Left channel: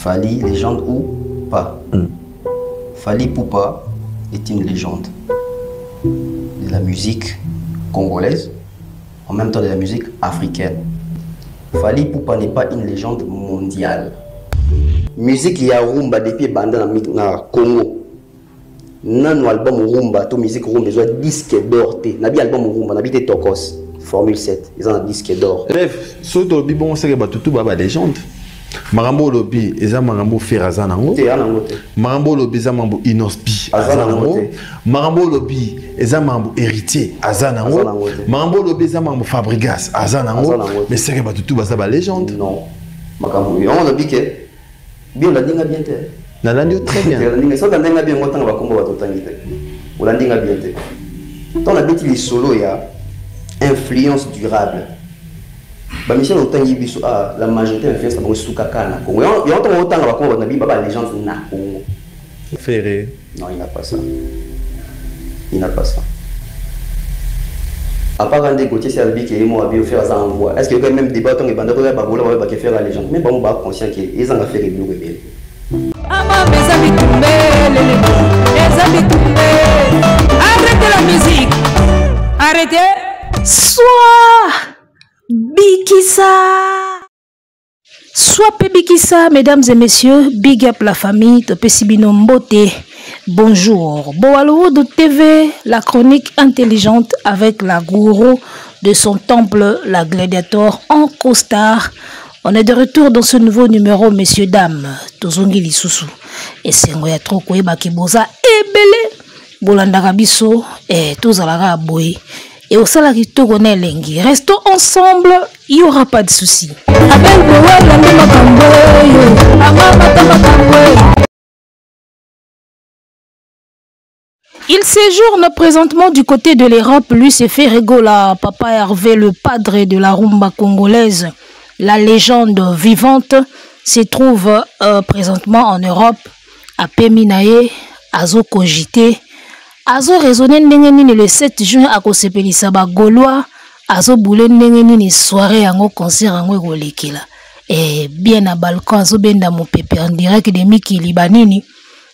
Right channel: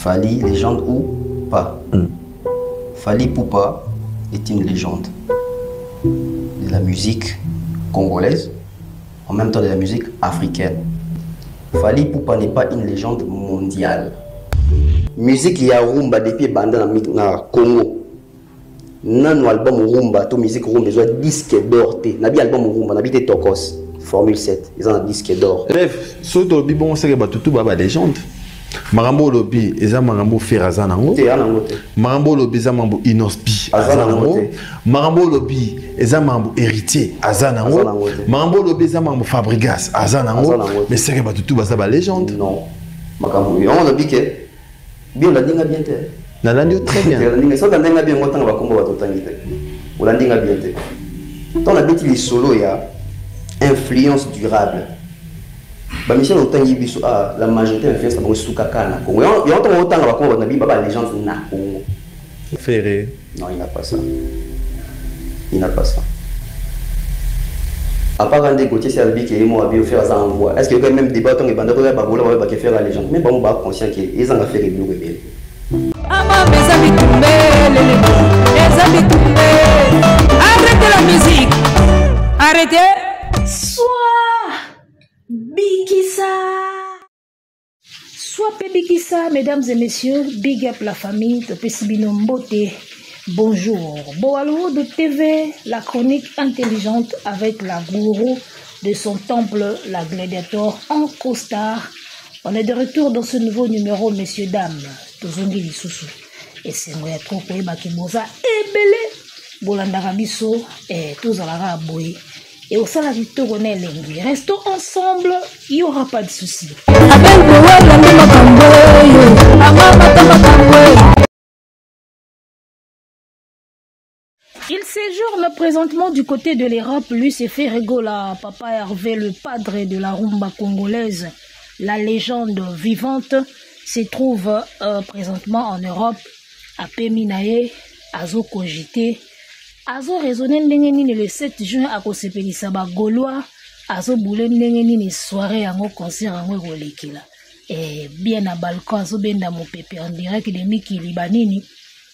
Fally, légende ou pas. Fally Ipupa est une légende de la musique congolaise, en même temps de la musique africaine. Fally Ipupa n'est pas une légende mondiale. Musique ya rumba depuis banda na Congo. Nano album rumba, to musique rumba, ils ont disque d'or. Nabi album rumba, nabi te Tokos, Formule 7, ils ont un disque d'or. Bref, ce dobi bon c'est que tout baba légende. Marambo lobi, eza marambo ferazanango. Marambo lobi eza marambo inospi azanango. Marambo lobi eza marambo héritier azanango. Marambo lobi eza marambo Fabregas azanango. Mais c'est que tout baba légende. Non. Makambo, on a dit que bien la dinga bien te. Na landio très bien. Ça dans dinga bien ngotanga bakombo batotangite. On la dinga bien te. Dans la bête les solo ya influence durable. Bah Michel Otangi biso la majorité influence na bongo kaka na Congo. Il y a autant na bakombo na biba ba légende na Congo. Ferré. Non, il n'a pas ça. Il n'a pas ça. À part quand des Gauthier Serbi qui est moi à faire ça en voix. Est-ce que quand même débat tant que bande de babola va pas faire la légende. Mais bon ba conscient qu'ils ont fait des blue rebelles. Arrêtez la musique. Arrêtez. Soit Bikissa. Soit Bikissa, mesdames et messieurs. Big up la famille de Pessibino Mbote. Bonjour. Boalo de TV, la chronique intelligente avec la gourou de son temple, la gladiateur en costard. On est de retour dans ce nouveau numéro, messieurs, dames. Tozongi Lisusu. Et c'est un trop quoi bakiboza ebele. Bolandaka biso et tozalaka boy. Et au salari togonais lengi. Restons ensemble, il n'y aura pas de soucis. Il séjourne présentement du côté de l'Europe. Lui s'est fait rigola. Papa Hervé, le padre de la rumba congolaise, la légende vivante, se trouve présentement en Europe, à Peminae, à Zo Cogité, à Zo raisonner le 7 juin à Kosepelisa Gaulois, à Zo boule nini soirée en concert en Golekila. Et bien à balcon, à Zo benda mon pépé en direct de Miki Libanini,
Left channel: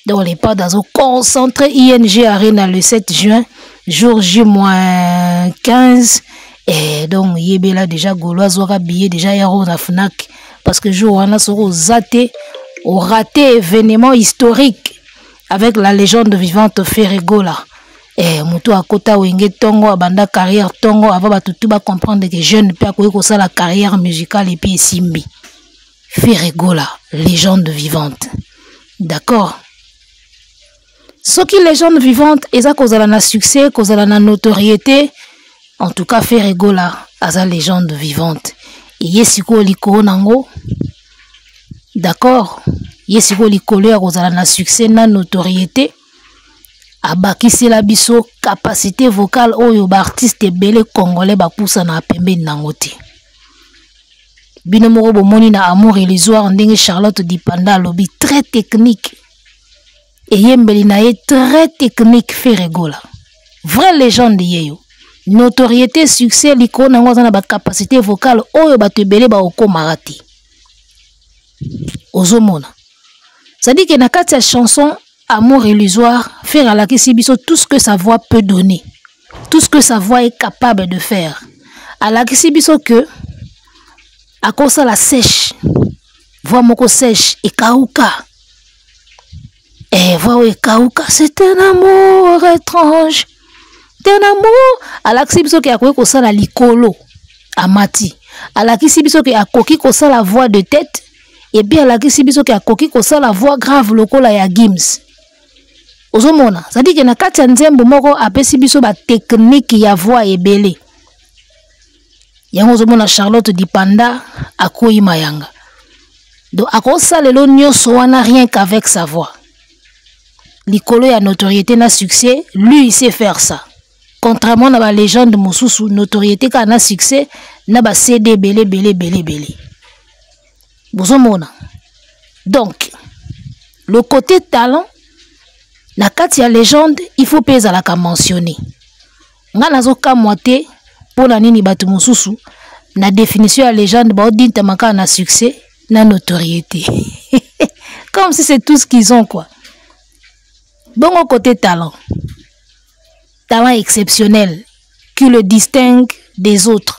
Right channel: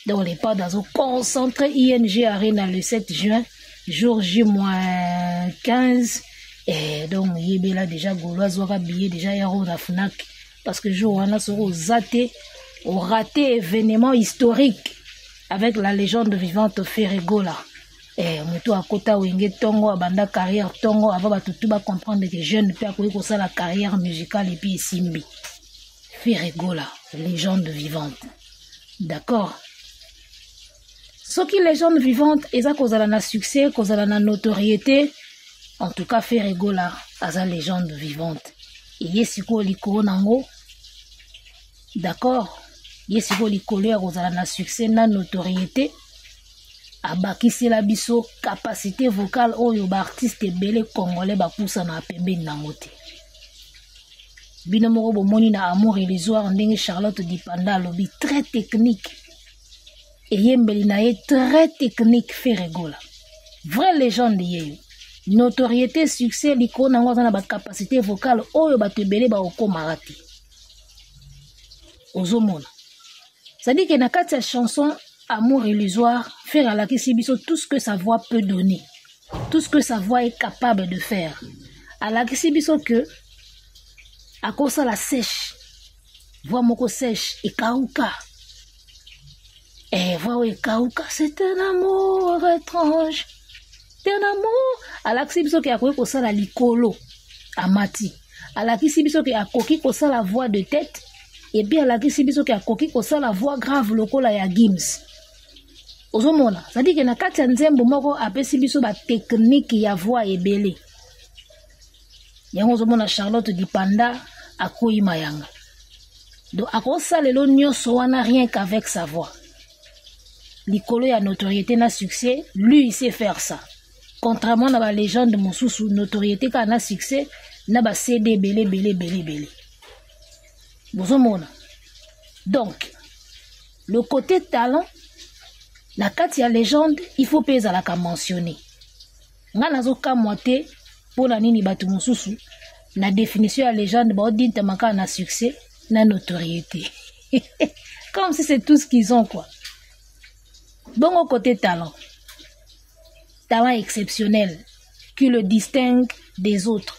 dans les pas d'Azo concentré ING Arena le 7 juin, jour J-15. Et donc, Yébela déjà Gaulois aura billet déjà héros na Fnac. Parce que jour on a raté événement historique avec la légende vivante Ferregola. Et Moutou à Kota Wenge Tongo, Abanda carrière Tongo, avant tout va comprendre que jeune peut accueillir ça la carrière musicale et puis Simbi. Ferregola, légende vivante. D'accord? Ce qui est légende vivante, et ça cause la succès, cause la notoriété. En tout cas, Ferregola, a sa légende vivante. Et yesiko likolo nango. D'accord? Yesiko likolo ya cause la succès, na notoriété. Abakisi la biso capacité vocale oyo ba artiste belé congolais ba poussa na pembe nangote. Bino moko bomoni na amour illusoire ndenge Charlotte Dipanda lobi très technique. Et yembeli na ye très technique Ferregola. Vraie légende yeyo. Notoriété, succès, l'icône nango na ba capacité vocale oyo ba tebele ba okomarati. Ozomona. Ça dit que na kati ya chanson Amour illusoire, faire à la Kisibiso tout ce que sa voix peut donner. Tout ce que sa voix est capable de faire. À la Kisibiso que, à cause ça la sèche, voix moko sèche, et kauka. Et voix et kauka, c'est un amour étrange. C'est un amour. À la Kisibiso qui a quoi ça la likolo, amati. À la Kisibiso qui a koki ça la voix de tête. Et bien à la Kisibiso qui a koki ça la voix grave lokola ya Gims. Ozomona, ça dit que na kati ya nzembo moko apesi biso ba technique ya voix ebele. Yango ozomona Charlotte Dipanda akoyi mayanga. Donc akosa lelo nyonso wana rien qu'avec sa voix. Likolo ya notoriété na succès, lui il sait faire ça. Contrairement à la légende mosusu, notoriété ka na succès, na ba CD belé. Ozomona. Donc le côté talent na kati ya légende, il faut pesa la ka mentionner. Nga nazoka moite pour la nini batu mususu na définition ya légende ba odinta maka na succès na notoriété. Comme si c'est tout ce qu'ils ont, quoi. Bon, au côté talent. Talent exceptionnel qui le distingue des autres.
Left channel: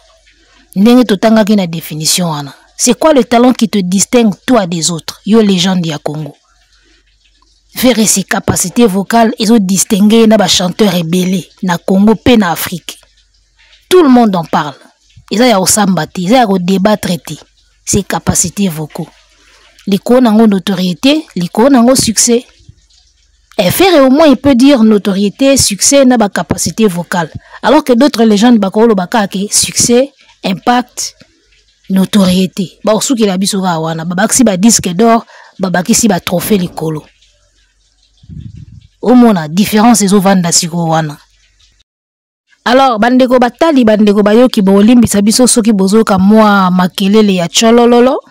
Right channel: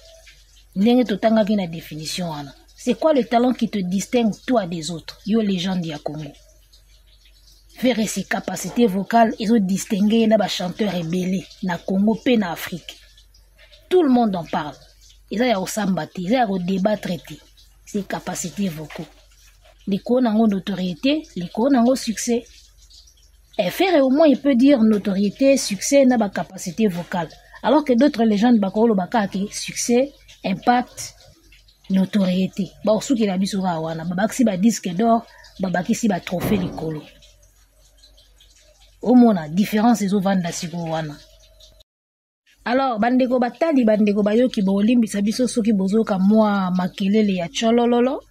C'est quoi le talent qui te distingue, toi, des autres? Yo, légende du Congo. Faire ses capacités vocales, ils ont distingué les chanteurs rebelles na Congo et na Afrique. Tout le monde en parle. Ils ont sambati, ils ont débat traité. Ses capacités vocaux. Les co ont notoriété, les co ont succès. Et faire au moins il peut dire notoriété, succès, na ba capacité vocale. Alors que d'autres légendes bakolo bakake succès, impact, notoriété. Ba osu ki la biso ga wana, babaki ba disque d'or, babaki si ba trophée likolo. Au mona différence ezo vanda siko wana. Alors bandeko batali bandeko bayoki bolimbisa biso soki bozoka mwa makelele ya cholololo,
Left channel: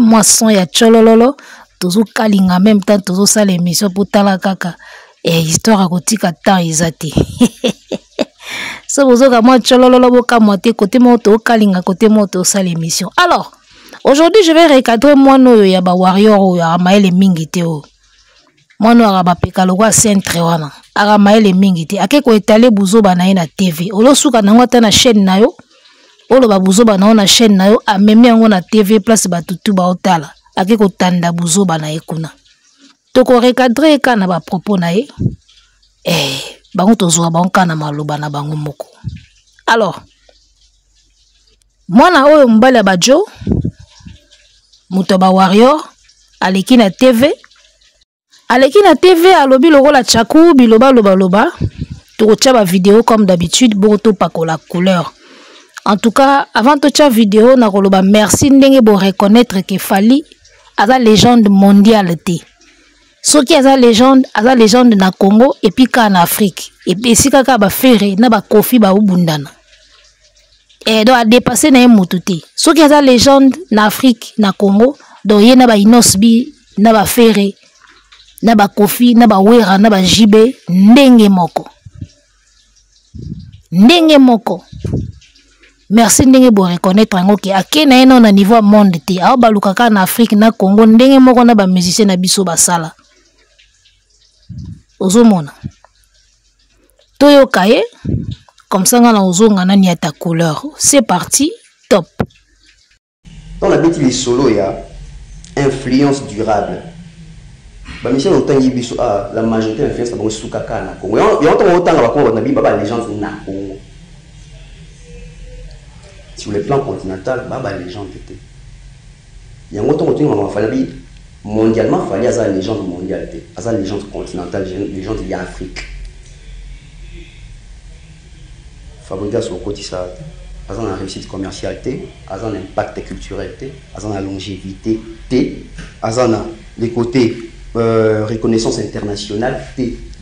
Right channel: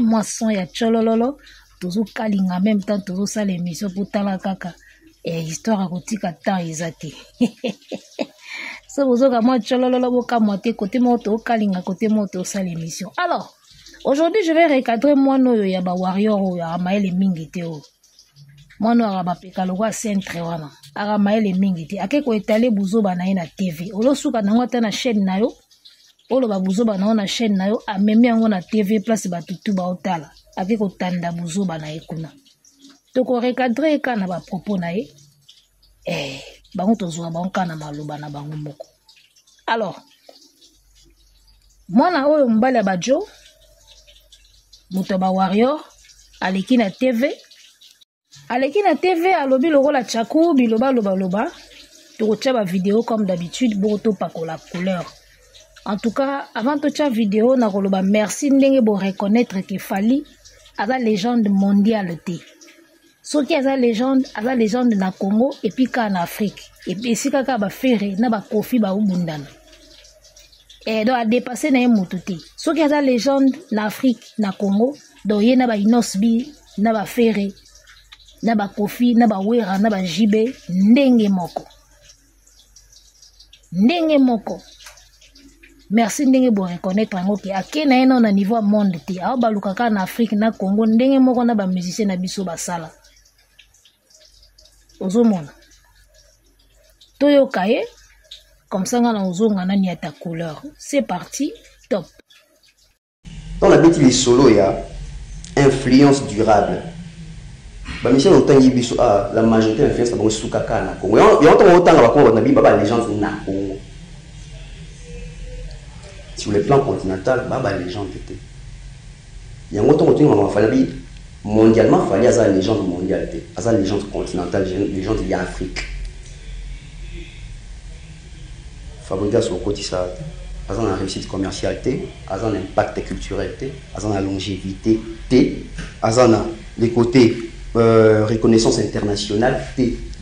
moi son ya cholololo. Tozo kalinga même temps tozo sala émission pour tala kaka histoire à kotika temps izate so bozo ka moi cholololo boka moté côté moto kalinga côté moto sala émission. Alors aujourd'hui je vais recadrer moi no ya ba warrior o ya maele mingite o moi no ba peka lokwa centre wana ara maele mingite akeko étaler buzoba na na TV olo suka na ngota na chaîne na yo olo ba buzoba na chaîne na yo amemi yango na TV place batutu ba otala ake ko tanda buzoba na ekuna toko recadrer kana ba propos na ye bango tozwa bango kana maloba na bango moko. Alors mwana oyo mbala bajo muto ba warrior aleki na TV alobi lokola chaku biloba loba toko tia ba vidéo comme d'habitude boto pakola couleur. En tout cas avant to tia vidéo na koloba merci ndenge bo reconnaître que Fally aza légende mondiale te. Soki aza légende na Congo et puis en Afrique. Et puis si kaka ba fere na ba kofi ba ubundana. Et donc a dépassé na mutu te. Soki aza légende na Afrique na Congo, donc ye na ba inosbi na ba fere na ba kofi na ba wera na ba jibe ndenge moko. Merci ndenge bo reconnaître ngo ke akena eno na niveau monde te a balukaka na Afrique na Congo ndenge moko na ba musicien na biso basala ozomona toyo kaye comme ça ngana ozonga na niata couleur. C'est parti, top. Dans la bêtise les solo il y a influence durable. Ba mission autant yibiso la majorité influence ba sukaka na Congo. Il y a autant ba ko na bi ba légende na Congo. Sur le plan continental, Baba légende était. Il y a un autre moment, Fally mondialement, Fally a une légende mondiale, a une légende continentale, légende de l'Afrique. Fabrica sur le côté ça, a une réussite commerciale, a un impact culturel, a une longévité, a les côtés reconnaissance internationale,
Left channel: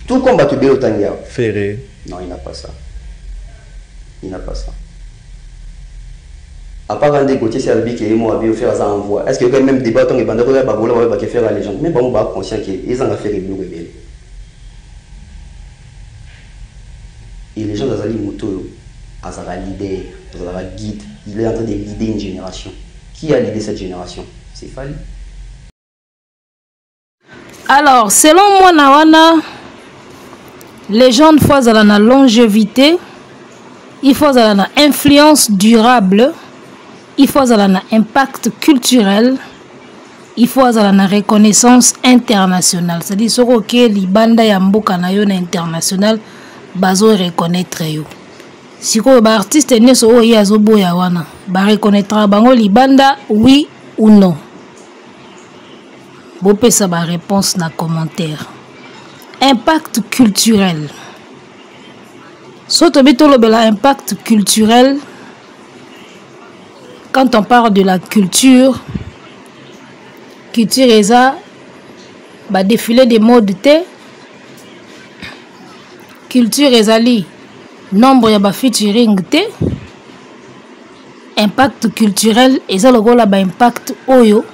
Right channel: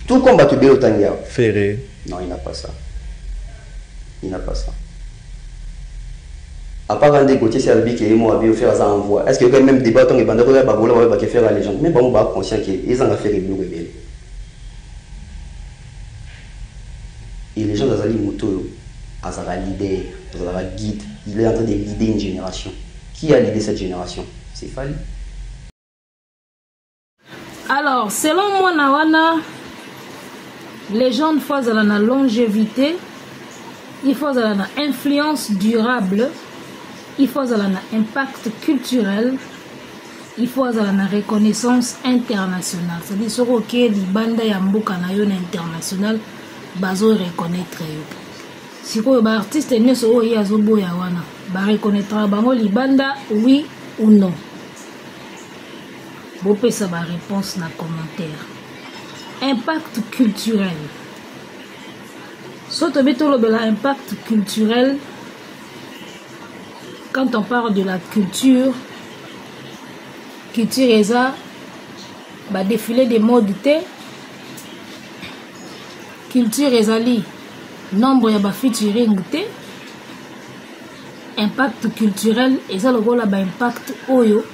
tout comme Batubé Otanga. Ferré. Non, il n'a pas ça. Il n'a pas ça. À part quand des côtés c'est le qui est moi à faire ça envoi. Est-ce que quand même débat on est bandé pour babola va faire la légende mais bon on va conscient que ils en a fait les rebelles. Et les gens d'Azali Moto Azara leader, Azara guide, il est en train de guider une génération. Qui a l'idée cette génération? C'est Fally. Alors, selon moi Nawana, les gens faut la longévité, il faut la influence durable. Il faut un impact culturel, il faut une reconnaissance internationale. C'est-à-dire que les banda ya mboka na yo na international bazo reconnaître yo. Si ko ba artiste ne so o ya zo boya wana, ba reconnaître bango li banda oui ou non. Bo pesa ba réponse na commentaire. Impact culturel. Soto bitolo bela impact culturel. Quand on parle de la culture est ça, bah défilé des modes T. Culture est ali, nombre ya ba featuring T. Impact culturel et ça le gros là ba impact oyo.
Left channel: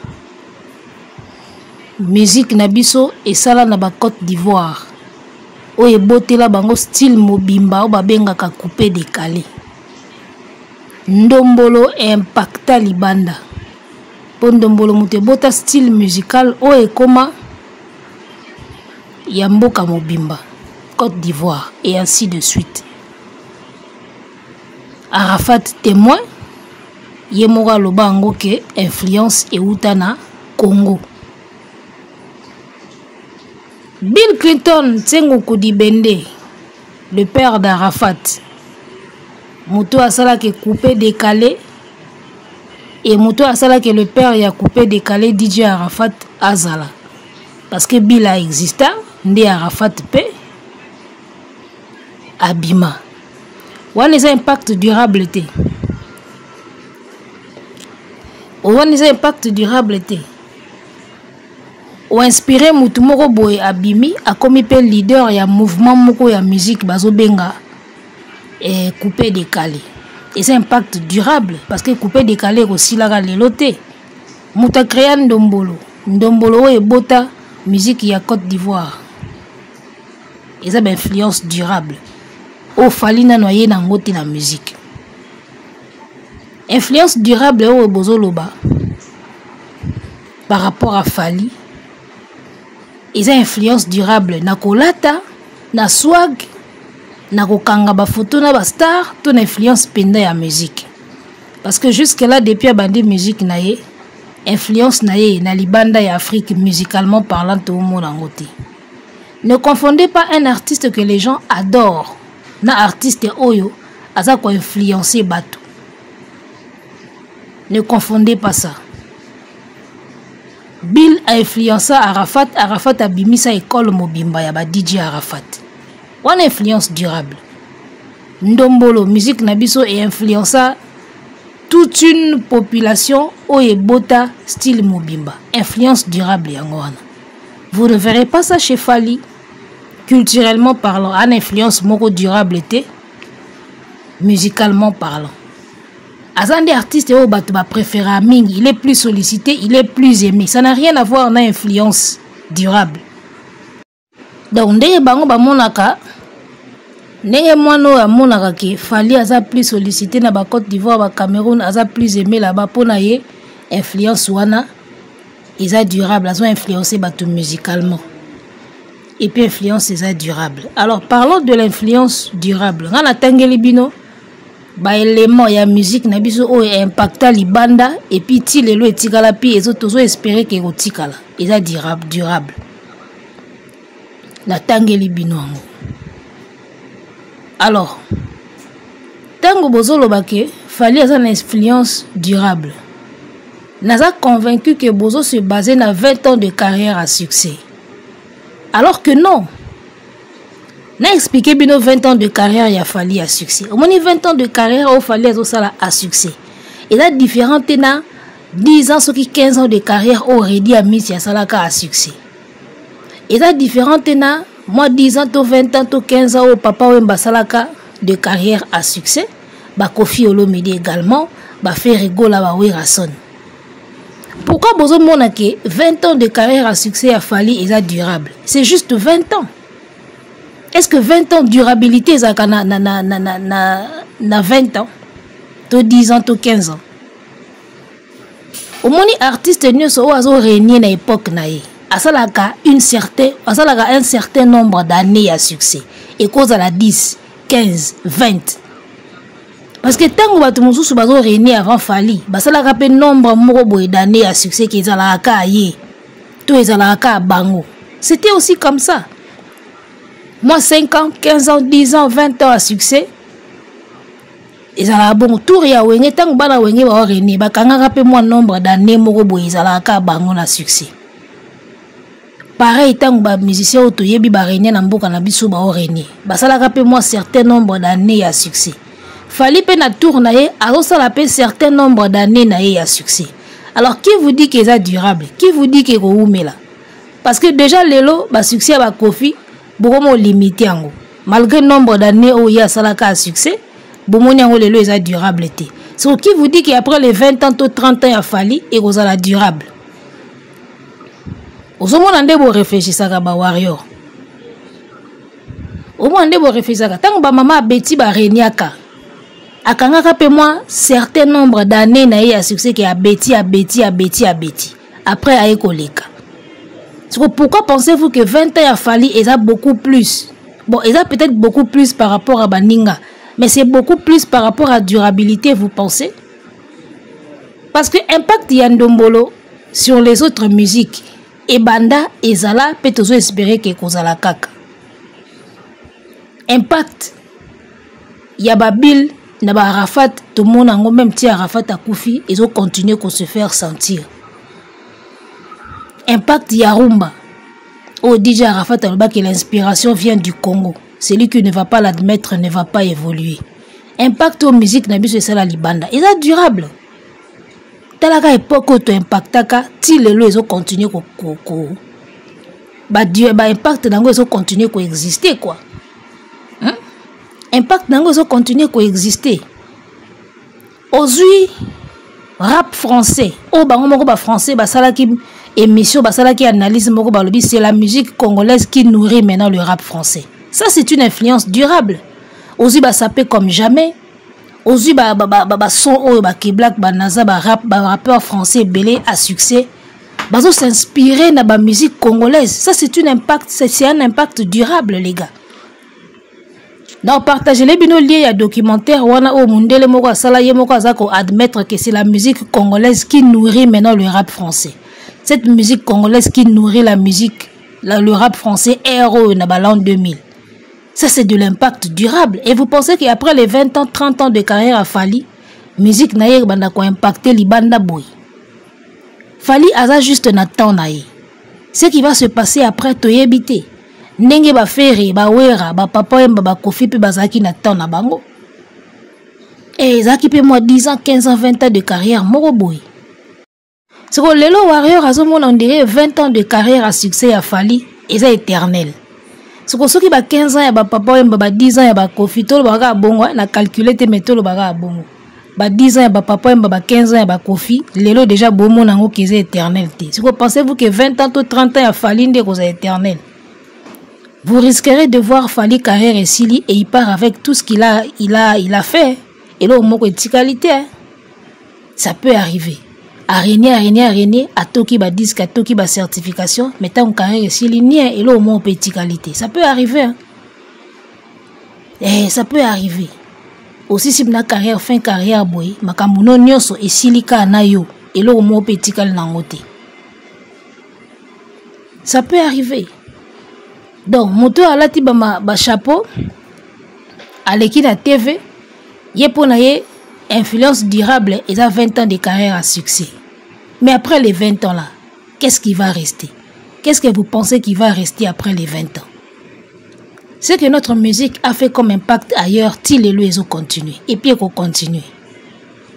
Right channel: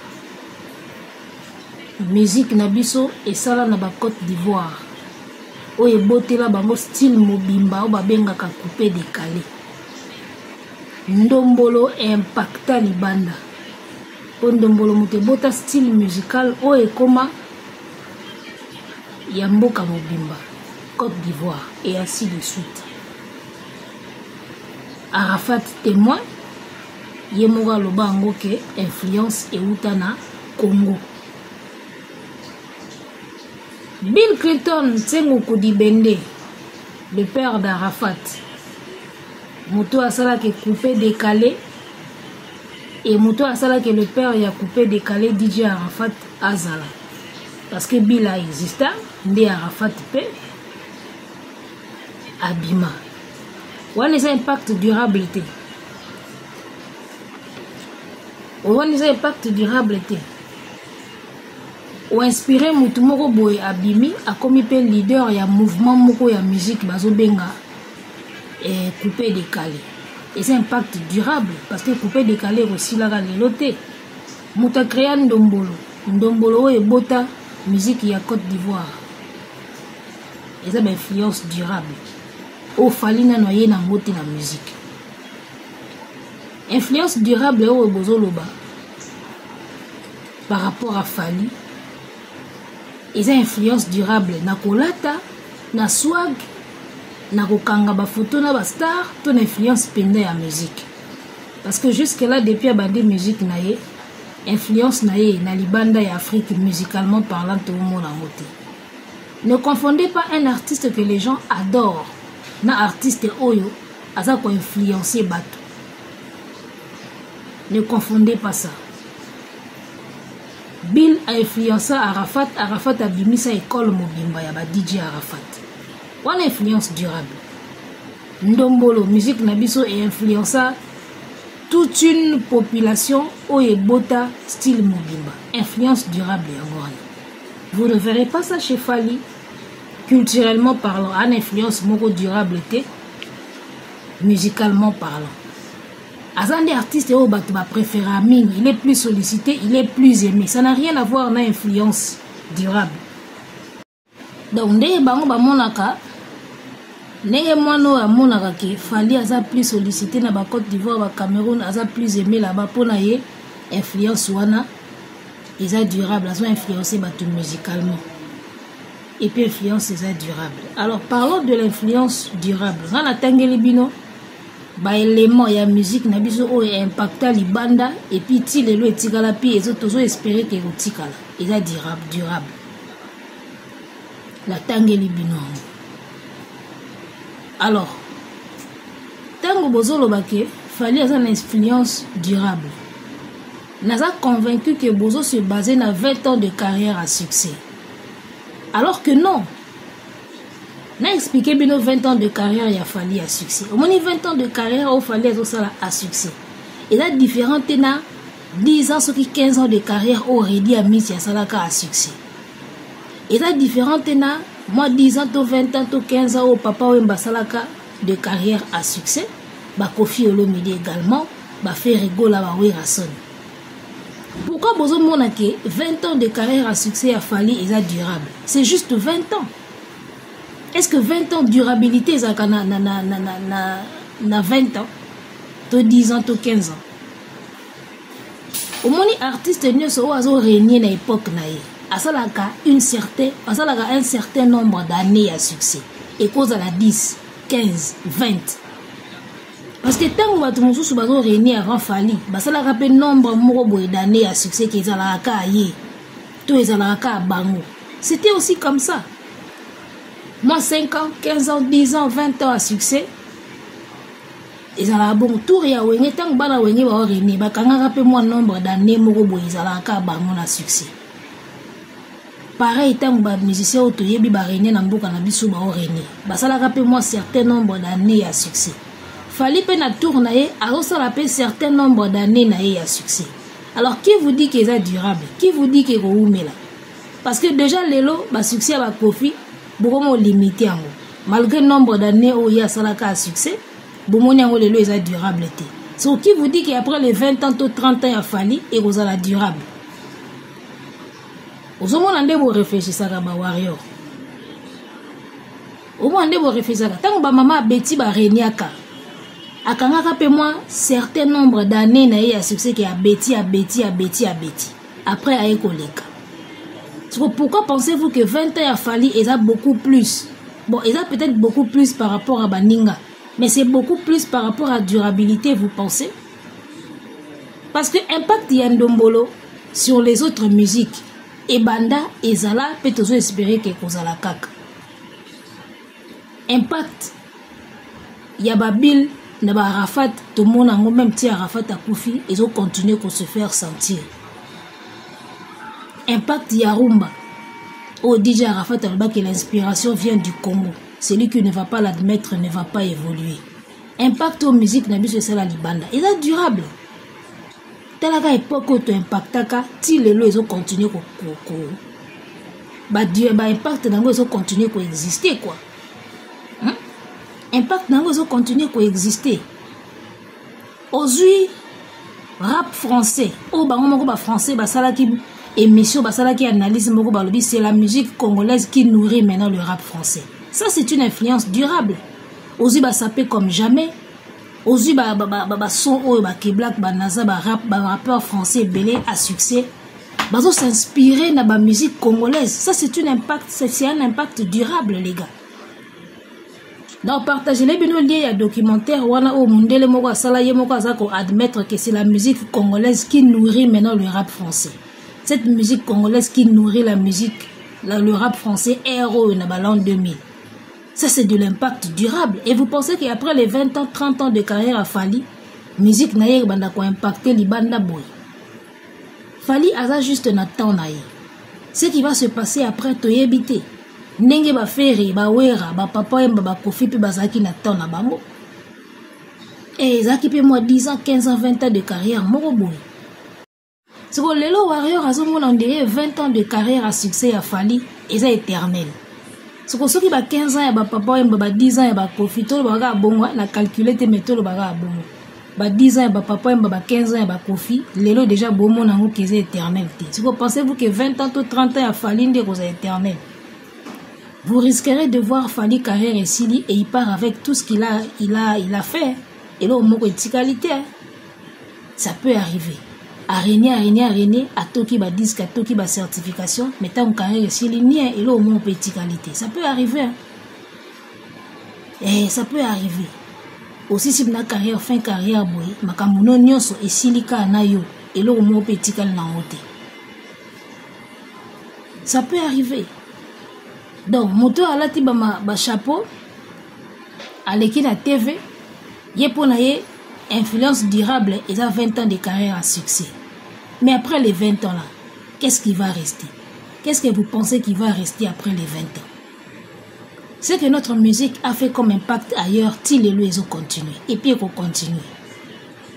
Musique nabiso et ça là na ba Côte d'Ivoire. Oyo boté là bango style mobimba ou ba benga ka coupé décalé. Ndombolo impacta libanda. Pour Ndombolo mute bota style musical o e koma Yamboka Mobimba, Côte d'Ivoire, et ainsi de suite. Arafat témoin, Yemora Lobango ke influence et Outana Congo. Bill Clinton, Tsengo Koudibende, le père d'Arafat, Mouto Asala qui est coupé, décalé, et Mouto Asala qui est le père qui a coupé, décalé, DJ Arafat Azala. Parce que Bill a existé, Ndi Arafat P. Abima. Ouan les impacts durable été. Ouan les impacts durable été. Ou inspiré Moutumoro Boy Abimi a commis le leader ya mouvement moko ya musique bazo benga et coupé décalé. Et c'est impact durable parce que coupé décalé aussi la leloté. Mouta créé Ndombolo. Ndombolo et bota musique ya Côte d'Ivoire. Et ça influence durable. Au fali na noyé na ngoti la musique. Influence durable au bozoloba par rapport à Fali. Ils ont influence durable na kolata, na swag, na kokanga ba photo na ba star, ton influence penda ya musique. Parce que jusque là depuis abandé musique na ye, influence na ye na libanda ya Afrique musicalement parlant tout le monde en côté. Ne confondez pas un artiste que les gens adorent na artiste oyo aza ko influencer bato. Ne confondez pas ça. Bill a influencé Arafat, Arafat a bimisa école Mobimba ya ba DJ Arafat. One influence durable. Ndombolo musique nabiso et influença toute une population oye bota style Mobimba. Influence durable yangoana. Vous ne verrez pas ça chez Fali. Culturellement parlant, une influence moko durable était musicalement parlant. Azande artiste au batba préféré à Ming, il est plus sollicité, il est plus aimé. Ça n'a rien à voir avec influence durable. Donc ndenge bango ba monaka ndenge mono ya monaka ke Fali aza plus sollicité na ba Côte d'Ivoire, ba Cameroun aza plus aimé là-bas pona ye influence wana isa durable, azo influencer bato musicalement. Et puis influence isa durable. Alors parlons de l'influence durable. Ngana tangeli bino ba élément ya musique na biso o impacta libanda et puis ti lelo etikala pi ezo tozo espérer que otikala eza durable na tangeli bino. Alors tango bozolo bake Fali asa na influence durable. Naza convaincu que bozo se baser na 20 ans de carrière à succès. Alors que non. N'a expliqué bien 20 ans de carrière il a fallu à succès. Au moins 20 ans de carrière il fallait à succès. Et là différent na 10 ans ceux qui 15 ans de carrière aurait dit à mis ya salaka à succès. Et là différent na moi 10 ans to 20 ans to 15 ans au papa ou salaka de carrière à succès. Ba Kofi Olomide également ba Ferrego la ba Werason. Pourquoi bozo mona que 20 ans de carrière à succès a fallu et ça durable? C'est juste 20 ans. Est-ce que 20 ans de durabilité na 20 ans, to 10 ans, to 15 ans? Au moins, artiste ne sont pas réunis na époque naïe. Asalaka un certain nombre d'années à succès. Et cause à la 10, 15, 20. Parce que tant que vous avez réuni avant Fali, basalaka pe nombre d'années à succès qui est à la cahier. Tout est à la bango. C'était aussi comme ça. Moi, 5 ans, 15 ans, 10 ans, 20 ans à succès. Et ça a bon tour ya wenge tant bana wenge ba reni ba kanga rapé moi nombre d'années moko boy za ka bango na succès. Pareil tant ba musicien auto yebi ba reni na mboka na biso ba reni. Ba sala rapé moi certain nombre d'années à succès. Fali pe na tour na ye a sala pe certain nombre d'années na ye à succès. Alors qui vous dit que ça durable? Qui vous dit que ko umela? Parce que déjà lelo ba succès ba Kofi beaucoup limité en malgré le nombre d'années où il y a salaka à succès, beaucoup de les a durable. Ce qui vous dit qu'après les 20 ans ou 30 ans il a fallu et vous la durable. Vous avez réfléchir ça ba warrior. Au moins vous réfléchir ça. Tant que maman Betty ba reniaka. Akanga rappelle moi certain nombre d'années na à succès qui a Betty. Après a écoleka. Pourquoi pensez-vous que 20 ans a fallu et ça beaucoup plus? Bon, il a peut-être beaucoup plus par rapport à Baninga, mais c'est beaucoup plus par rapport à durabilité, vous pensez? Parce que impact Yandombolo sur les autres musiques, et Banda et Zala peut toujours espérer que Kozala Kaka. Impact Yababil, Naba Arafat, tout le monde, même si Arafat a Koufi, ils ont continué à se faire sentir. Impact Yarumba. Au DJ Arafat Alba que l'inspiration vient du Congo. Celui qui ne va pas l'admettre ne va pas évoluer. Impact aux musiques Nabi c'est la Libanda. Il est durable. Talaka époque où tu impactaka, ti les lois ils ont continué impact nango ils ont continué à exister quoi. Impact nango ils ont continué à exister. Aujourd'hui rap français. Oh bango moko ba français ba salaki émission basala qui analyse moko balobi c'est la musique congolaise qui nourrit maintenant le rap français. Ça c'est une influence durable. Ozi ba sapé comme jamais. Ozi ba son o ba Black ba naza ba rappeur français belé à succès. Bazo s'inspirer na ba musique congolaise. Ça c'est un impact durable les gars. Donc partagez les bino liés à documentaire wana o mundele moko asala ye moko azako admettre que c'est la musique congolaise qui nourrit maintenant le rap français. Cette musique congolaise qui nourrit la musique, le rap français RO l'an 2000. Ça, c'est de l'impact durable. Et vous pensez qu'après les 20 ans, 30 ans de carrière à Fali, musique naïe banda ko impacté li banda boy. Fali aza juste na temps naïe. Ce qui va se passer après toyebité. Nenge ba feri, ba wera, ba papa yemba ba kofi pe bazaki na temps na bango. Et zaki pe moi 10 ans, 15 ans, 20 ans de carrière moro boy. C'est que Lelo Warrior a on dirait 20 ans de carrière à succès à Fali et c'est éternel. C'est que ceux qui ont 15 ans, il y a papa, il y a 10 ans, il y a Kofi, tout le monde a calculé tes méthodes, il y a 10 ans, il y a papa, il y a 15 ans, il y a Kofi, Lelo déjà bon mon ango qui est éternel. Si vous pensez-vous que 20 ans ou 30 ans, il y a Fali, c'est éternel. Vous risquerez de voir Fali carrière et Sili et il part avec tout ce qu'il a fait. Et là, au moins, il qualité. Ça peut arriver. Araignée, à Toki ba disque, à Toki ba certification, mais tant carrière ici, linéaire, et là au moins petite qualité. Ça peut arriver. Hein? Et ça peut arriver. Aussi si ma carrière, fin carrière, boy, ma kamuno nyoso et silika na yo, et là au moins petite qualité. Ça peut arriver. Donc, moto à la tiba ba chapeau, à l'équipe de TV, yé pour naye, influence durable, et ça 20 ans de carrière à succès. Mais après les 20 ans là, qu'est-ce qui va rester? Qu'est-ce que vous pensez qui va rester après les 20 ans? Ce que notre musique a fait comme impact ailleurs, til et ils ont continué. Et puis qu'on continue.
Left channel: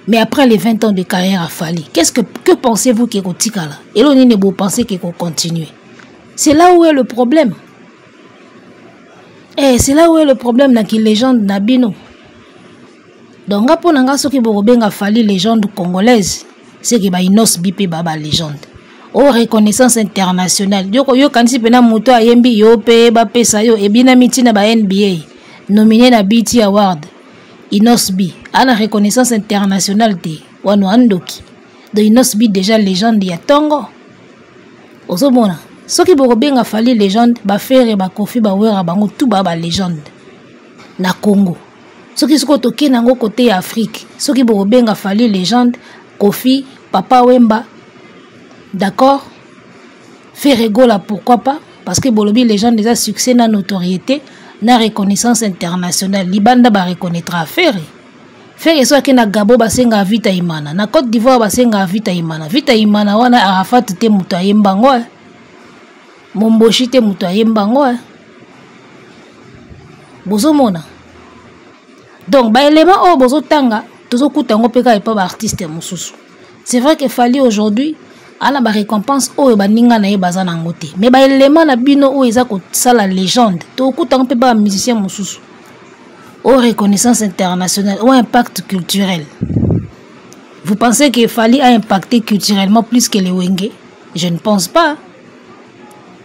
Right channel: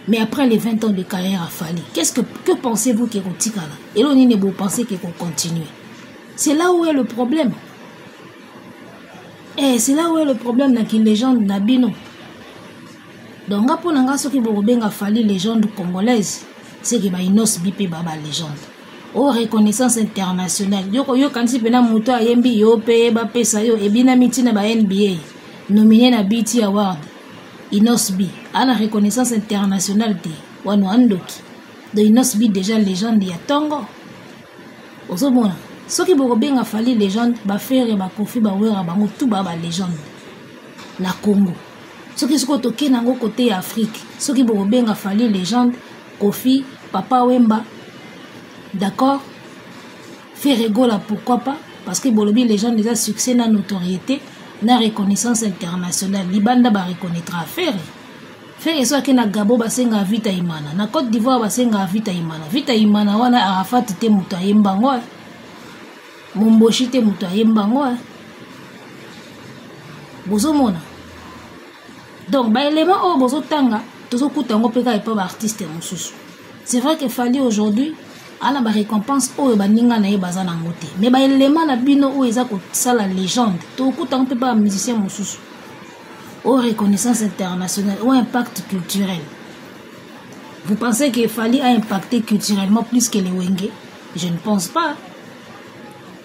Mais après les 20 ans de carrière à Fali, que pensez-vous qu'il y a là? Et là, vous pensez qu'il faut continuer. C'est là où est le problème. Et c'est là où est le problème dans les légendes Nabino. Donc, pour nous, ce qui est Fali, légende congolaise, c'est que Inos Bipé Baba légende. Oh, reconnaissance internationale. Yo quand si pena moto ayembi yo pe ba pesa yo e bina miti na ba NBA nominé na BT Award. Inos B ana reconnaissance internationale te wano andoki. De Inos B déjà légende ya Tongo. Ozomona. Ce qui est Fali légende ba faire ba Kofi ba wera bango tout ba légende na Congo. Ce qui sont toqué nango côté Afrique. Ce qui est Fali légende Kofi, Papa Wemba, d'accord? Ferrego là, pourquoi pas? Parce que Bolobi, les gens déjà succès, na notoriété, na reconnaissance internationale. Libanda ba reconnaîtra Ferre. Ferre soit que na Gabo basenga vita imana, na Côte d'Ivoire basenga vita imana. Vita imana wana Arafat te muto ayemba ngo. Momboshi te muto ayemba ngo. Bozo mona. Donc ba élément o bozo tanga. C'est vrai que Fali aujourd'hui a la récompense au baninga na bazana ngote. Mais ba élément na bino o eza ko sala légende. To kuta on peut pas musicien mususu. Au reconnaissance internationale, au impact culturel. Vous pensez que Fali a impacté culturellement plus que les Wenge? Je ne pense pas.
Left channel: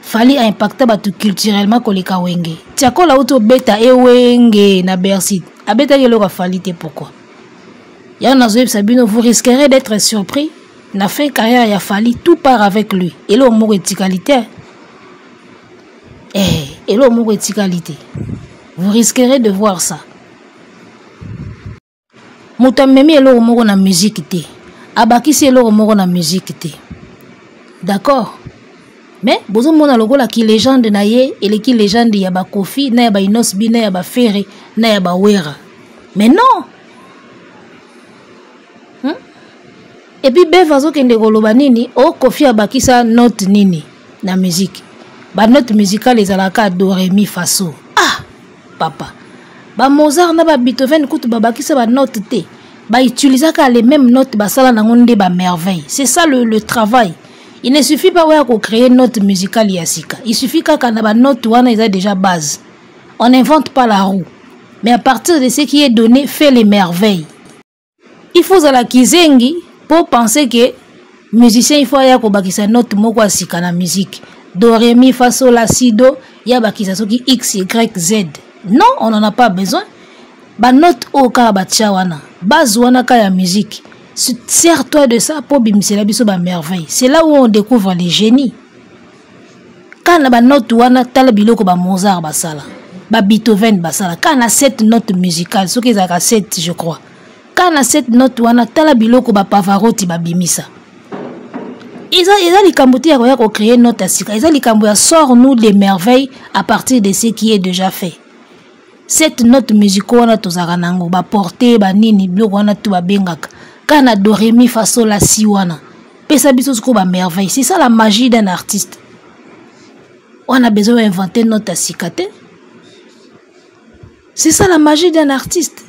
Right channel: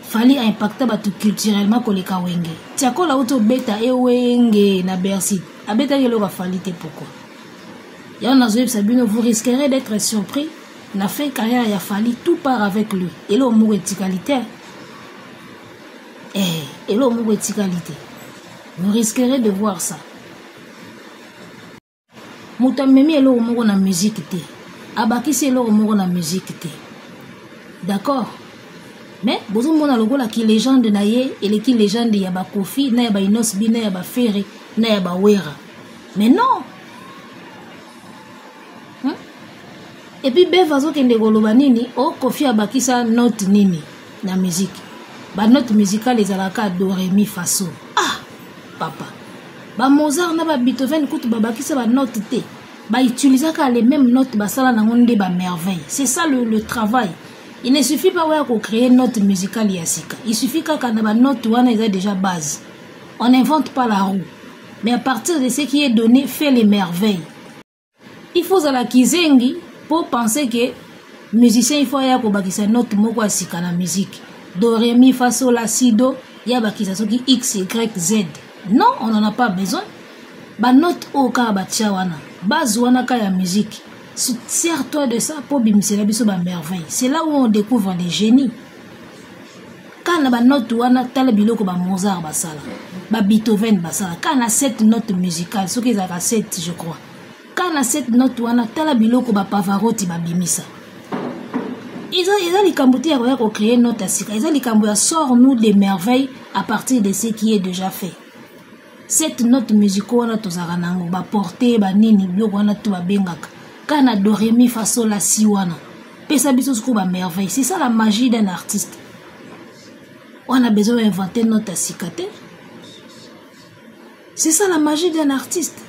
Fali a impacté culturellement que les Wenge. Tiako la auto beta e Wenge na Bercy. Abeta yelo ka Fali te pourquoi? Vous risquerez d'être surpris. Na fin carrière, il a fallu tout part avec lui. Et là, au mot qualité. Et là, moko etikalité. Vous risquerez de voir ça. Moutamemi elo moko na musique te. Abakisi elo moko na musique te. D'accord? Mais bozo mona lokola ki légende na ye et ki légende ya ba Kofi na ya ba Inosbi na ya ba Ferre na ya ba Wera. Mais non. Et puis bevazo kende koloba nini o Kofi abakisa note nini na musique. Ba note musicale ezalaka do ré mi fa so. Ah papa. Ba Mozart na ba Beethoven kutu babakisa ba note te. Ba utilisaka les mêmes notes ba sala na ngonde ba merveille. C'est ça le travail. Il ne suffit pas de créer une note musicale yasika. Il suffit qu'à une note wana ils a déjà base. On n'invente pas la roue. Mais à partir de ce qui est donné, fait les merveilles. Il faut à la kizengi pour penser que musicien il faut ya ko bakisa note moko asika na musique. Do ré mi fa sol la si do ya bakisa soki x y z. Non, on n'en a pas besoin. Ba note o ka ba wana. Base wana ka ya musique. Sers-toi de ça pour bimsela biso ba merveille. C'est là où on découvre les génies. Quand on a note wana tala biloko ba Mozart basala, ba Beethoven basala. Quand on a cette note musicale, ce qu'ils a 7 je crois. Quand on a cette note wana tala biloko ba Pavarotti ba bimisa. Ils ont les kambuti ya ko créer note asika. Ils ont les kambu sort nous les merveilles à partir de ce qui est déjà fait. Cette note musicale wana tozaka nango ba porter ba nini biloko wana tu ba bengaka. Quand on a do ré mi fa sol la si wana. Pesa biso sko ba merveille. C'est ça la magie d'un artiste. On a besoin d'inventer notre assikate. C'est ça la magie d'un artiste.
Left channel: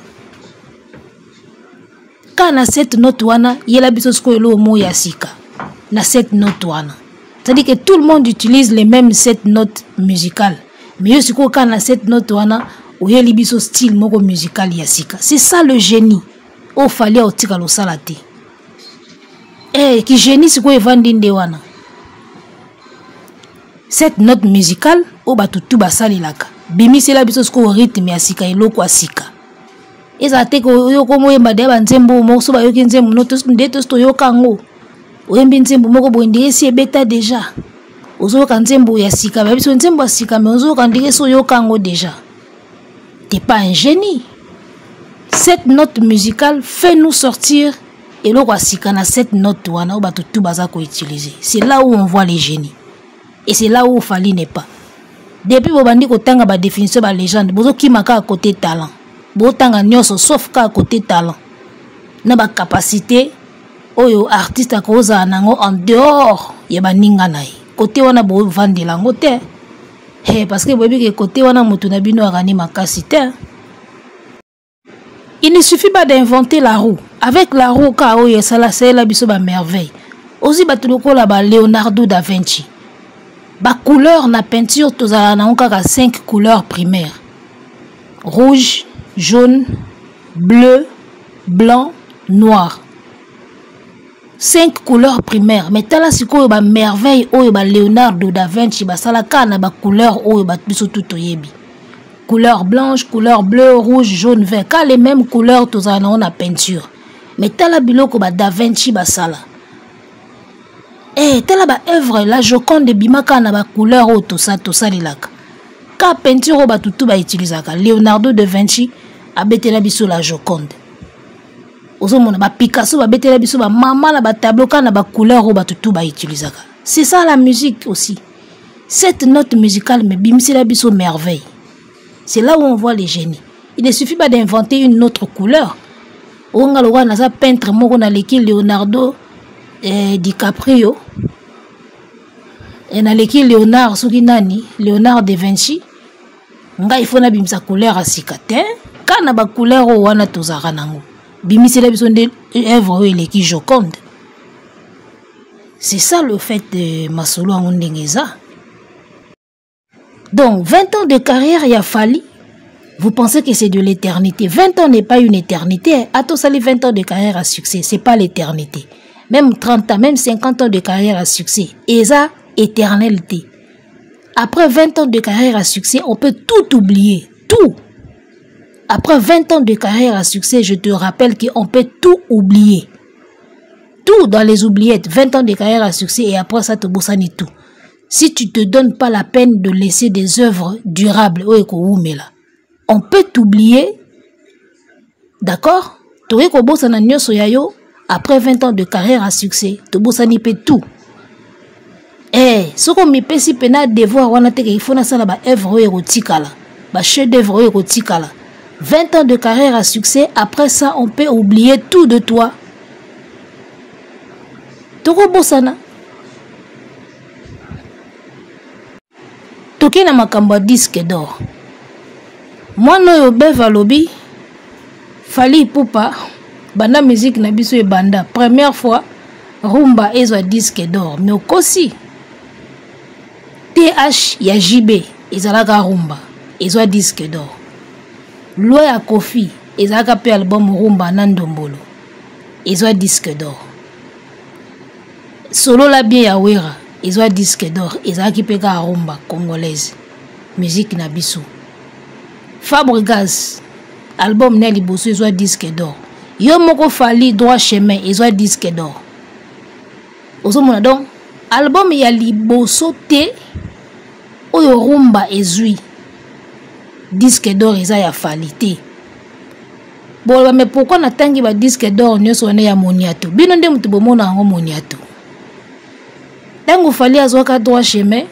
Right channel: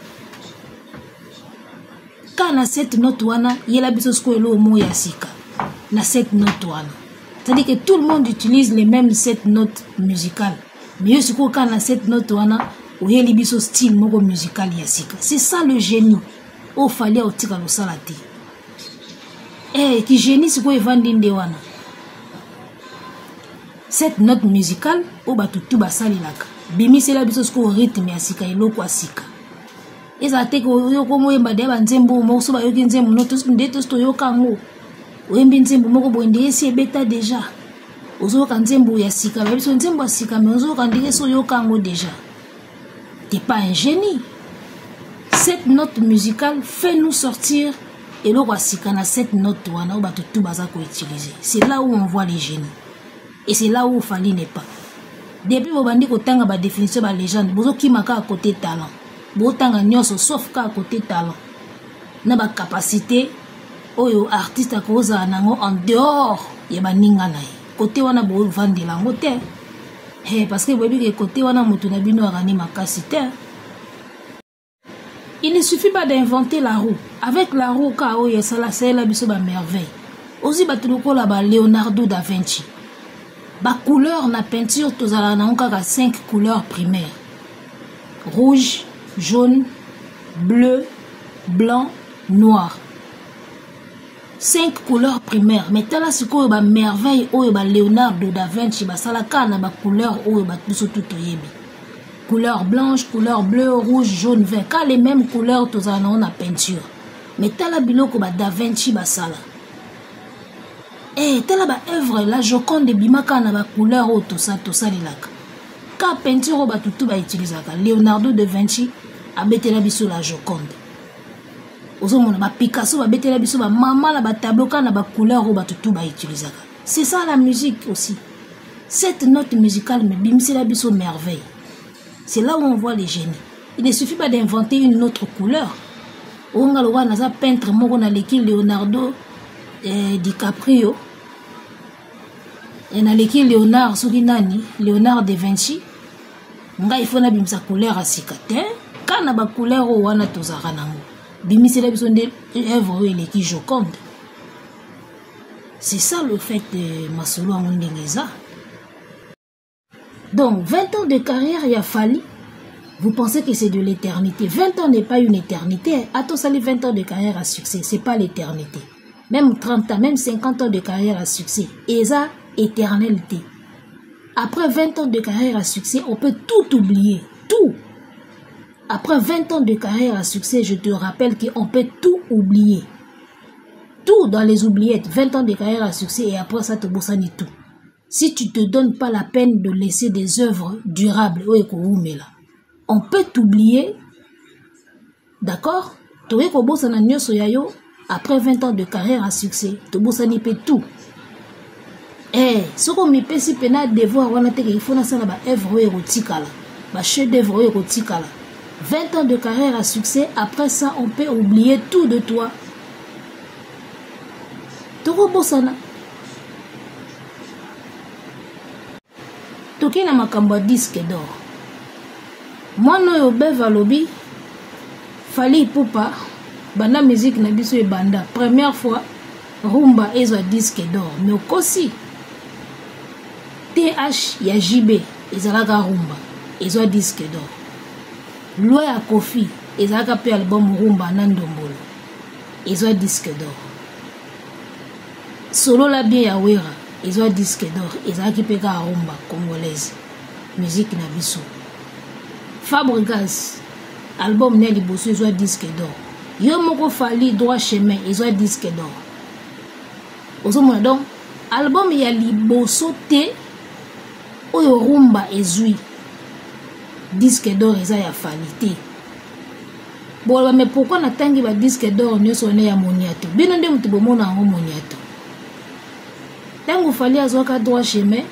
Quand on a cette note wana, yela biso sko elo mo yasika. Na cette note wana. C'est-à-dire que tout le monde utilise les mêmes 7 notes musicales. Mais aussi quand on a cette note wana, ou yeli biso style moko musical yasika. C'est ça le génie. O fallait au tika lo salate. Eh, qui génie c'est quoi evandinde wana. Cette note musicale, o batutu basali laka. Bimi c'est la biso sko rythme asika eloko asika. Eza te ko yo ko moyemba de ba nzembo mo so ba yo nzembo noto ndeto sto yo kango. Oyembi nzembo moko bo ndike si ebeta déjà. Ozo ka nzembo ya sika ba biso nzembo asika mais ozo ka ndike so yo kango déjà. T'es pas un génie. Cette note musicale fait nous sortir et l'on va sikana cette note wana ou tout bazako utiliser. C'est là où on voit les génies. Et c'est là où Fally n'est pas. Depuis bobandi ko tanga ba définition ba légende, bozo kimaka à côté talent. Bo tanga nyoso sauf ka à côté talent. Na ba capacité oyo artiste a koza nango en dehors ya ba ninga nai. Côté wana bo vendre lango te. Parce que bobi ke côté wana mutu na bino agani makasi te. Il ne suffit pas d'inventer la roue. Avec la roue, c'est la merveille. Aussi, Leonardo da Vinci. Ba couleur na peinture, tous à la 5 couleurs primaires. Rouge, jaune, bleu, blanc, noir. 5 couleurs primaires. Mais tala siko ba merveille, Leonardo da Vinci, ba salaka na ba couleur, biso tout yebi. Couleur blanche, couleur bleu, rouge, jaune, vert. Car les mêmes couleurs, tous en a peinture. Mais tala biloko ba Da Vinci basala. Eh, tala ba œuvre la Joconde de Bimaka na ba couleur o tout ça lilaka. Car peinture o ba tutu ba utilisaka. Leonardo da Vinci a betela biso la Joconde. Ozo mona ba Picasso ba betela biso ba mama na ba tableau ka na ba couleur o ba tutu ba utilisaka. C'est ça la musique aussi. Cette note musicale me bimsi la biso merveille. C'est là où on voit les génies. Il ne suffit pas d'inventer une autre couleur. On a le peintre Leonardo DiCaprio. Et on a Léonard Suginani, Léonard da Vinci. Il faut na bimsa couleur à sikate. Quand on a couleur ou on a tous à ranango. Bimisi la besoin de œuvre qui Joconde. C'est ça le fait de Masolo Ngondengeza. Donc, 20 ans de carrière, il a fallu. Vous pensez que c'est de l'éternité. 20 ans n'est pas une éternité. À tous les 20 ans de carrière à succès, ce n'est pas l'éternité. Même 30 ans, même 50 ans de carrière à succès. Et ça, éternalité. Après 20 ans de carrière à succès, on peut tout oublier. Tout. Après 20 ans de carrière à succès, je te rappelle qu'on peut tout oublier. Tout dans les oubliettes. 20 ans de carrière à succès et après ça, te boussani tout. si tu te donnes pas la peine de laisser des œuvres durables, on peut t'oublier, d'accord? Après 20 ans de carrière à succès, tu bossani peut tout. Ce qu'on me peut si pena devoir, il faut que ba œuvre érotique là, ba chef d'œuvre érotique là. 20 ans de carrière à succès, après ça, on peut oublier tout de toi. Toko bossana. Toké na makambo disque d'or. Moi no beva lobby. Fali Ipupa. Banda musique na biso e banda. Première fois, rumba ezwa disque d'or. Mais aussi, TH ya JB ezalaka rumba. Ezwa disque d'or. Loya Kofi ezalaka pe album rumba Nandombolo. Ezwa disque d'or. Solo la bien ya Wera. Ezwa disque d'or. Ezalaki pe ka rumba congolaise. Musique na biso. Fabregas. Album Nelly Bosso ezwa disque d'or. Yo moko Fali droit chemin ezwa disque d'or. Ozomona donc album ya Liboso te oyo rumba ezui disque d'or eza ya Fali te. Bon mais pourquoi na tangi ba disque d'or nyonso na ya Moniato? Bino nde mutu bomona ngo Moniato. Tango Fali azwaka droit chemin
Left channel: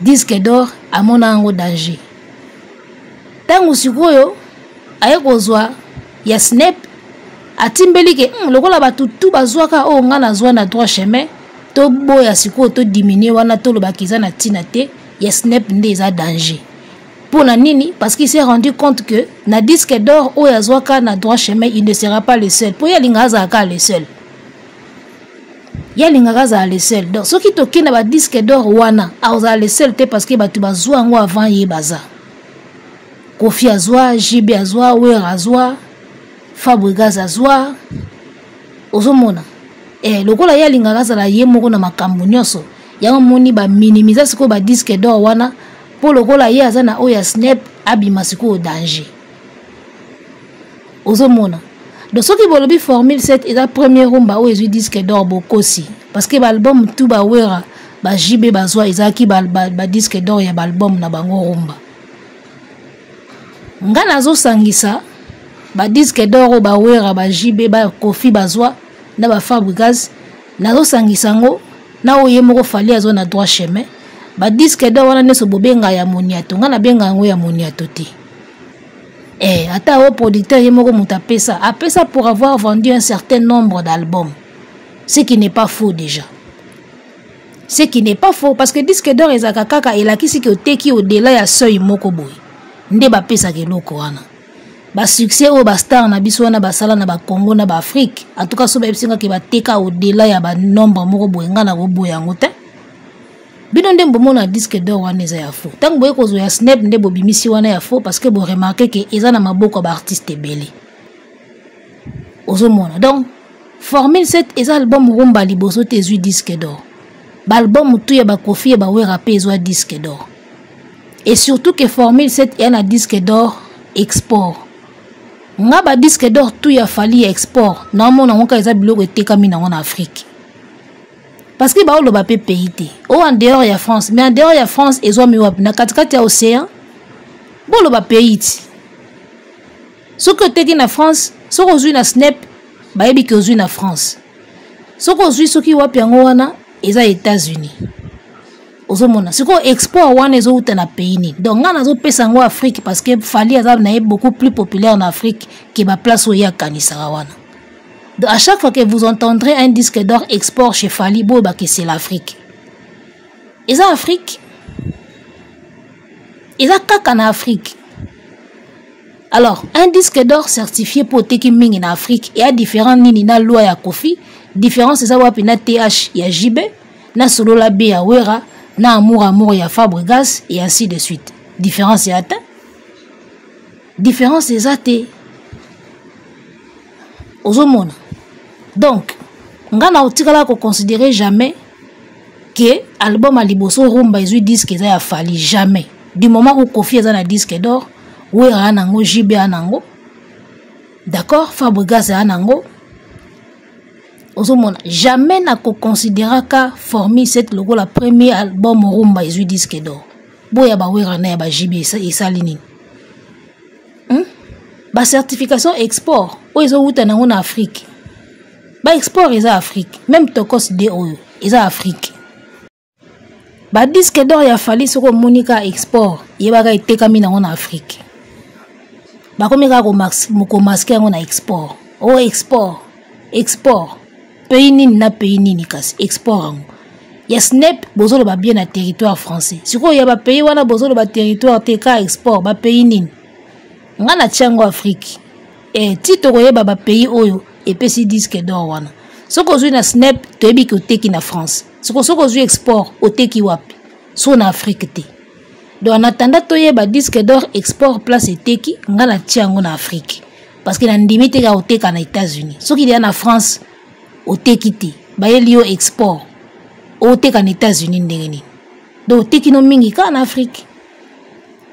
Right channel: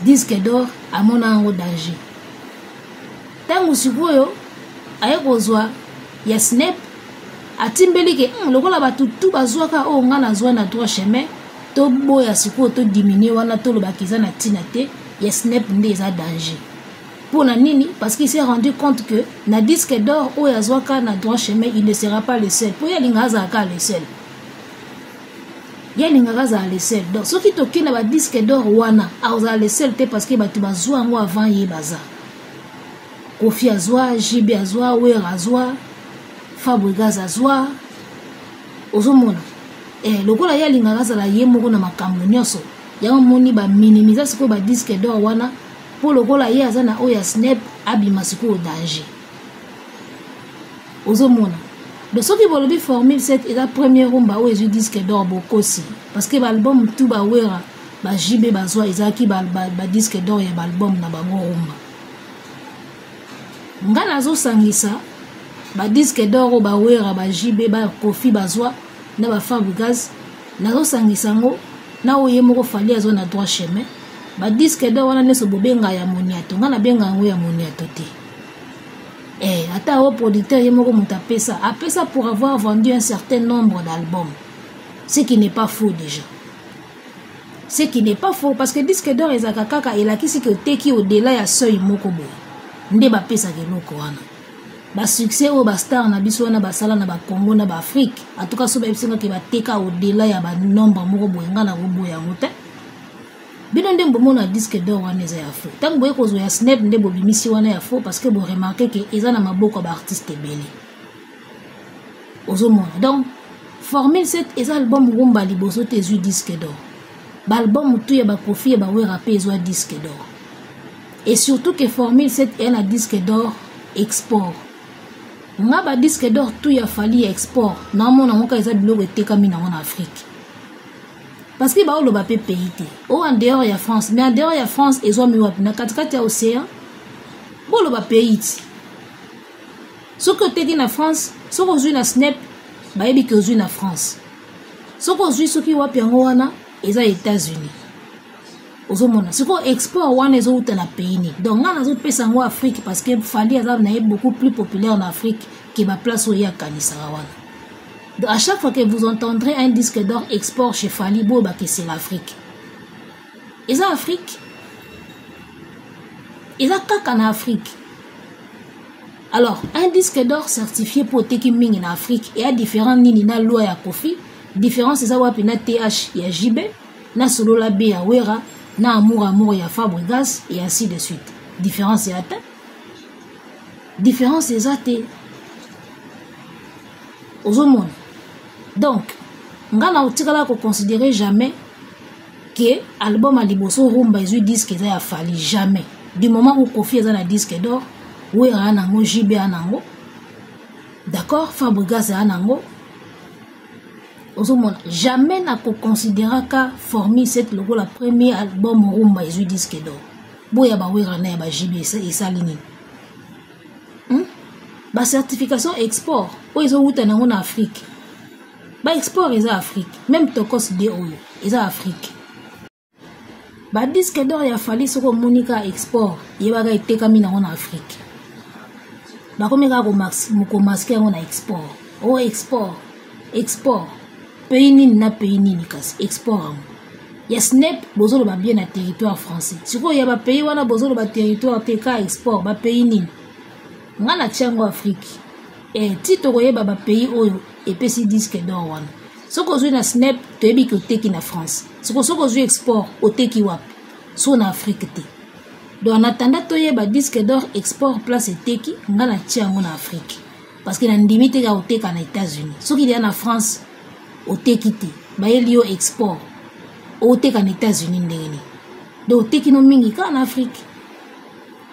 disque d'or amona ngo danger. Tango sikoyo aye kozwa ya Snap atimbeli ke lokola batu tu bazwaka o nga nazwa na droit chemin to boya sikoyo to diminuer wana to lobakiza na tina te ya Snap nde eza danger. Pour na nini? Parce qu'il s'est rendu compte que na disque d'or o yazwaka na droit chemin il ne sera pas le seul. Pour yalinga azaka le seul. Yalinga azaka le seul. Donc ce qui toki na ba disque d'or wana aza le seul te parce que batu bazwa ngo avant ye baza. Kofi azwa, JB azwa, Wera azwa, Fabregas azwa. Ozomona. Lokola yalinga azala ye moko na makambo nyonso. Yango moni ba minimiser siko ba disque d'or wana pour lokola ye azana oya Snap abima siko au danger. Ozomona. Donc ce qui bolobi formule 7 est la première rumba où ils disque d'or bokosi parce que l'album tout ba Wera ba JB bazwa ezaki ba disque d'or ya album na bango rumba. Nga nazo sangisa ba disque d'or ba Wera ba JB ba Kofi bazwa na ba Fabregas nazo sangisa ngo na oye moko Fali azwa na droit chemin ba disque d'or wana neso bobenga ya Moniato nga na benga ngo ya Moniato te. Ata o producteur ye moko mutapesa apesa pour avoir vendu un certain nombre d'albums. Ce qui n'est pas faux déjà. Ce qui n'est pas faux parce que disque d'or ezaka kaka elakisi ki oteki au-delà ya seuil moko boy. Nde ba pesa ke loko wana ba succès o ba star na biso wana ba sala na ba Congo na ba Afrique en tout cas so ba episinga ke ba teka au delà ya ba nombre moko boyenga na go boya ngote bino nde mbomona disque d'or wana eza ya faux tango boye kozo ya Snap nde bobimisi wana ya faux parce que bo remarquer que eza na maboko ba artiste ebele ozomona donc formule 7 eza album rumba Liboso te ezui disque d'or ba album tout ya ba Kofi ba Wera pe ezwa disque d'or. Et surtout que Formule 7 est un disque d'or export. Nga ba disque d'or tout ya Fali export. Na mona ngoka eza biloko etekami na en Afrique. Parce que ba o lo ba pe pays te. O en dehors ya France, mais en dehors ya France ezo mi wap na katikati ya océan. Bo lo ba pays ti. Ce que teki na France, ce ko zui na Snap, ba yebi ke zui na France. Ce ko zui soki wap yango wana eza États-Unis. Ozomona siko export wana ezo uta na pays ni donc nga nazo pesa ngo Afrique parce que Fali azab na beaucoup plus populaire en Afrique que ba place oya kanisa wana. Donc à chaque fois que vous entendrez un disque d'or export chez Fali bo ba que c'est l'Afrique. Eza Afrique. Eza kaka na Afrique. Alors un disque d'or certifié pour teki mingi na Afrique et a différent nini na loi ya Kofi, différence eza wapi na TH ya JB, na solo la B ya Wera. Na amour ya Fabregas et ainsi de suite. Différence est atteinte. Différence est atteinte. Ozomona. Donc, nga na otikala ko considérer jamais que album a Liboso rumba ezui disque eza ya Fali jamais. Du moment où Kofi eza na disque d'or, Wera anango JB anango. D'accord, Fabregas anango. ozomona jamais na ko considérer ka Formule 7 logo la premier album rumba ezui disque d'or boya ba wera na ba jibi esali nini ba certification export o ezo wuta nango na Afrique ba export eza Afrique même tokos de oyo eza Afrique ba disque d'or ya fali soko monika export yebaka etekami nango na Afrique ba komeka ko masquer yango na export o export pays nini na pays nini kasi export yango ya snap bozolo ba bien na territoire français siko ya ba pays wana bozolo ba territoire teka export ba pays nini ngana tiango Afrique tito koyeba ba pays oyo epesi disque d'or wana soko zui na snap toyebi ki oteki na France soko zui export oteki wapi so na Afrique te donc en attendant toyeba disque d'or export place eteki ngana tiango na Afrique parce que na ndimi te ka oteka na États-Unis soki il y a na France oteki te bayeli yo export oteka na États-Unis ndenge nini donc oteki no mingi ka na Afrique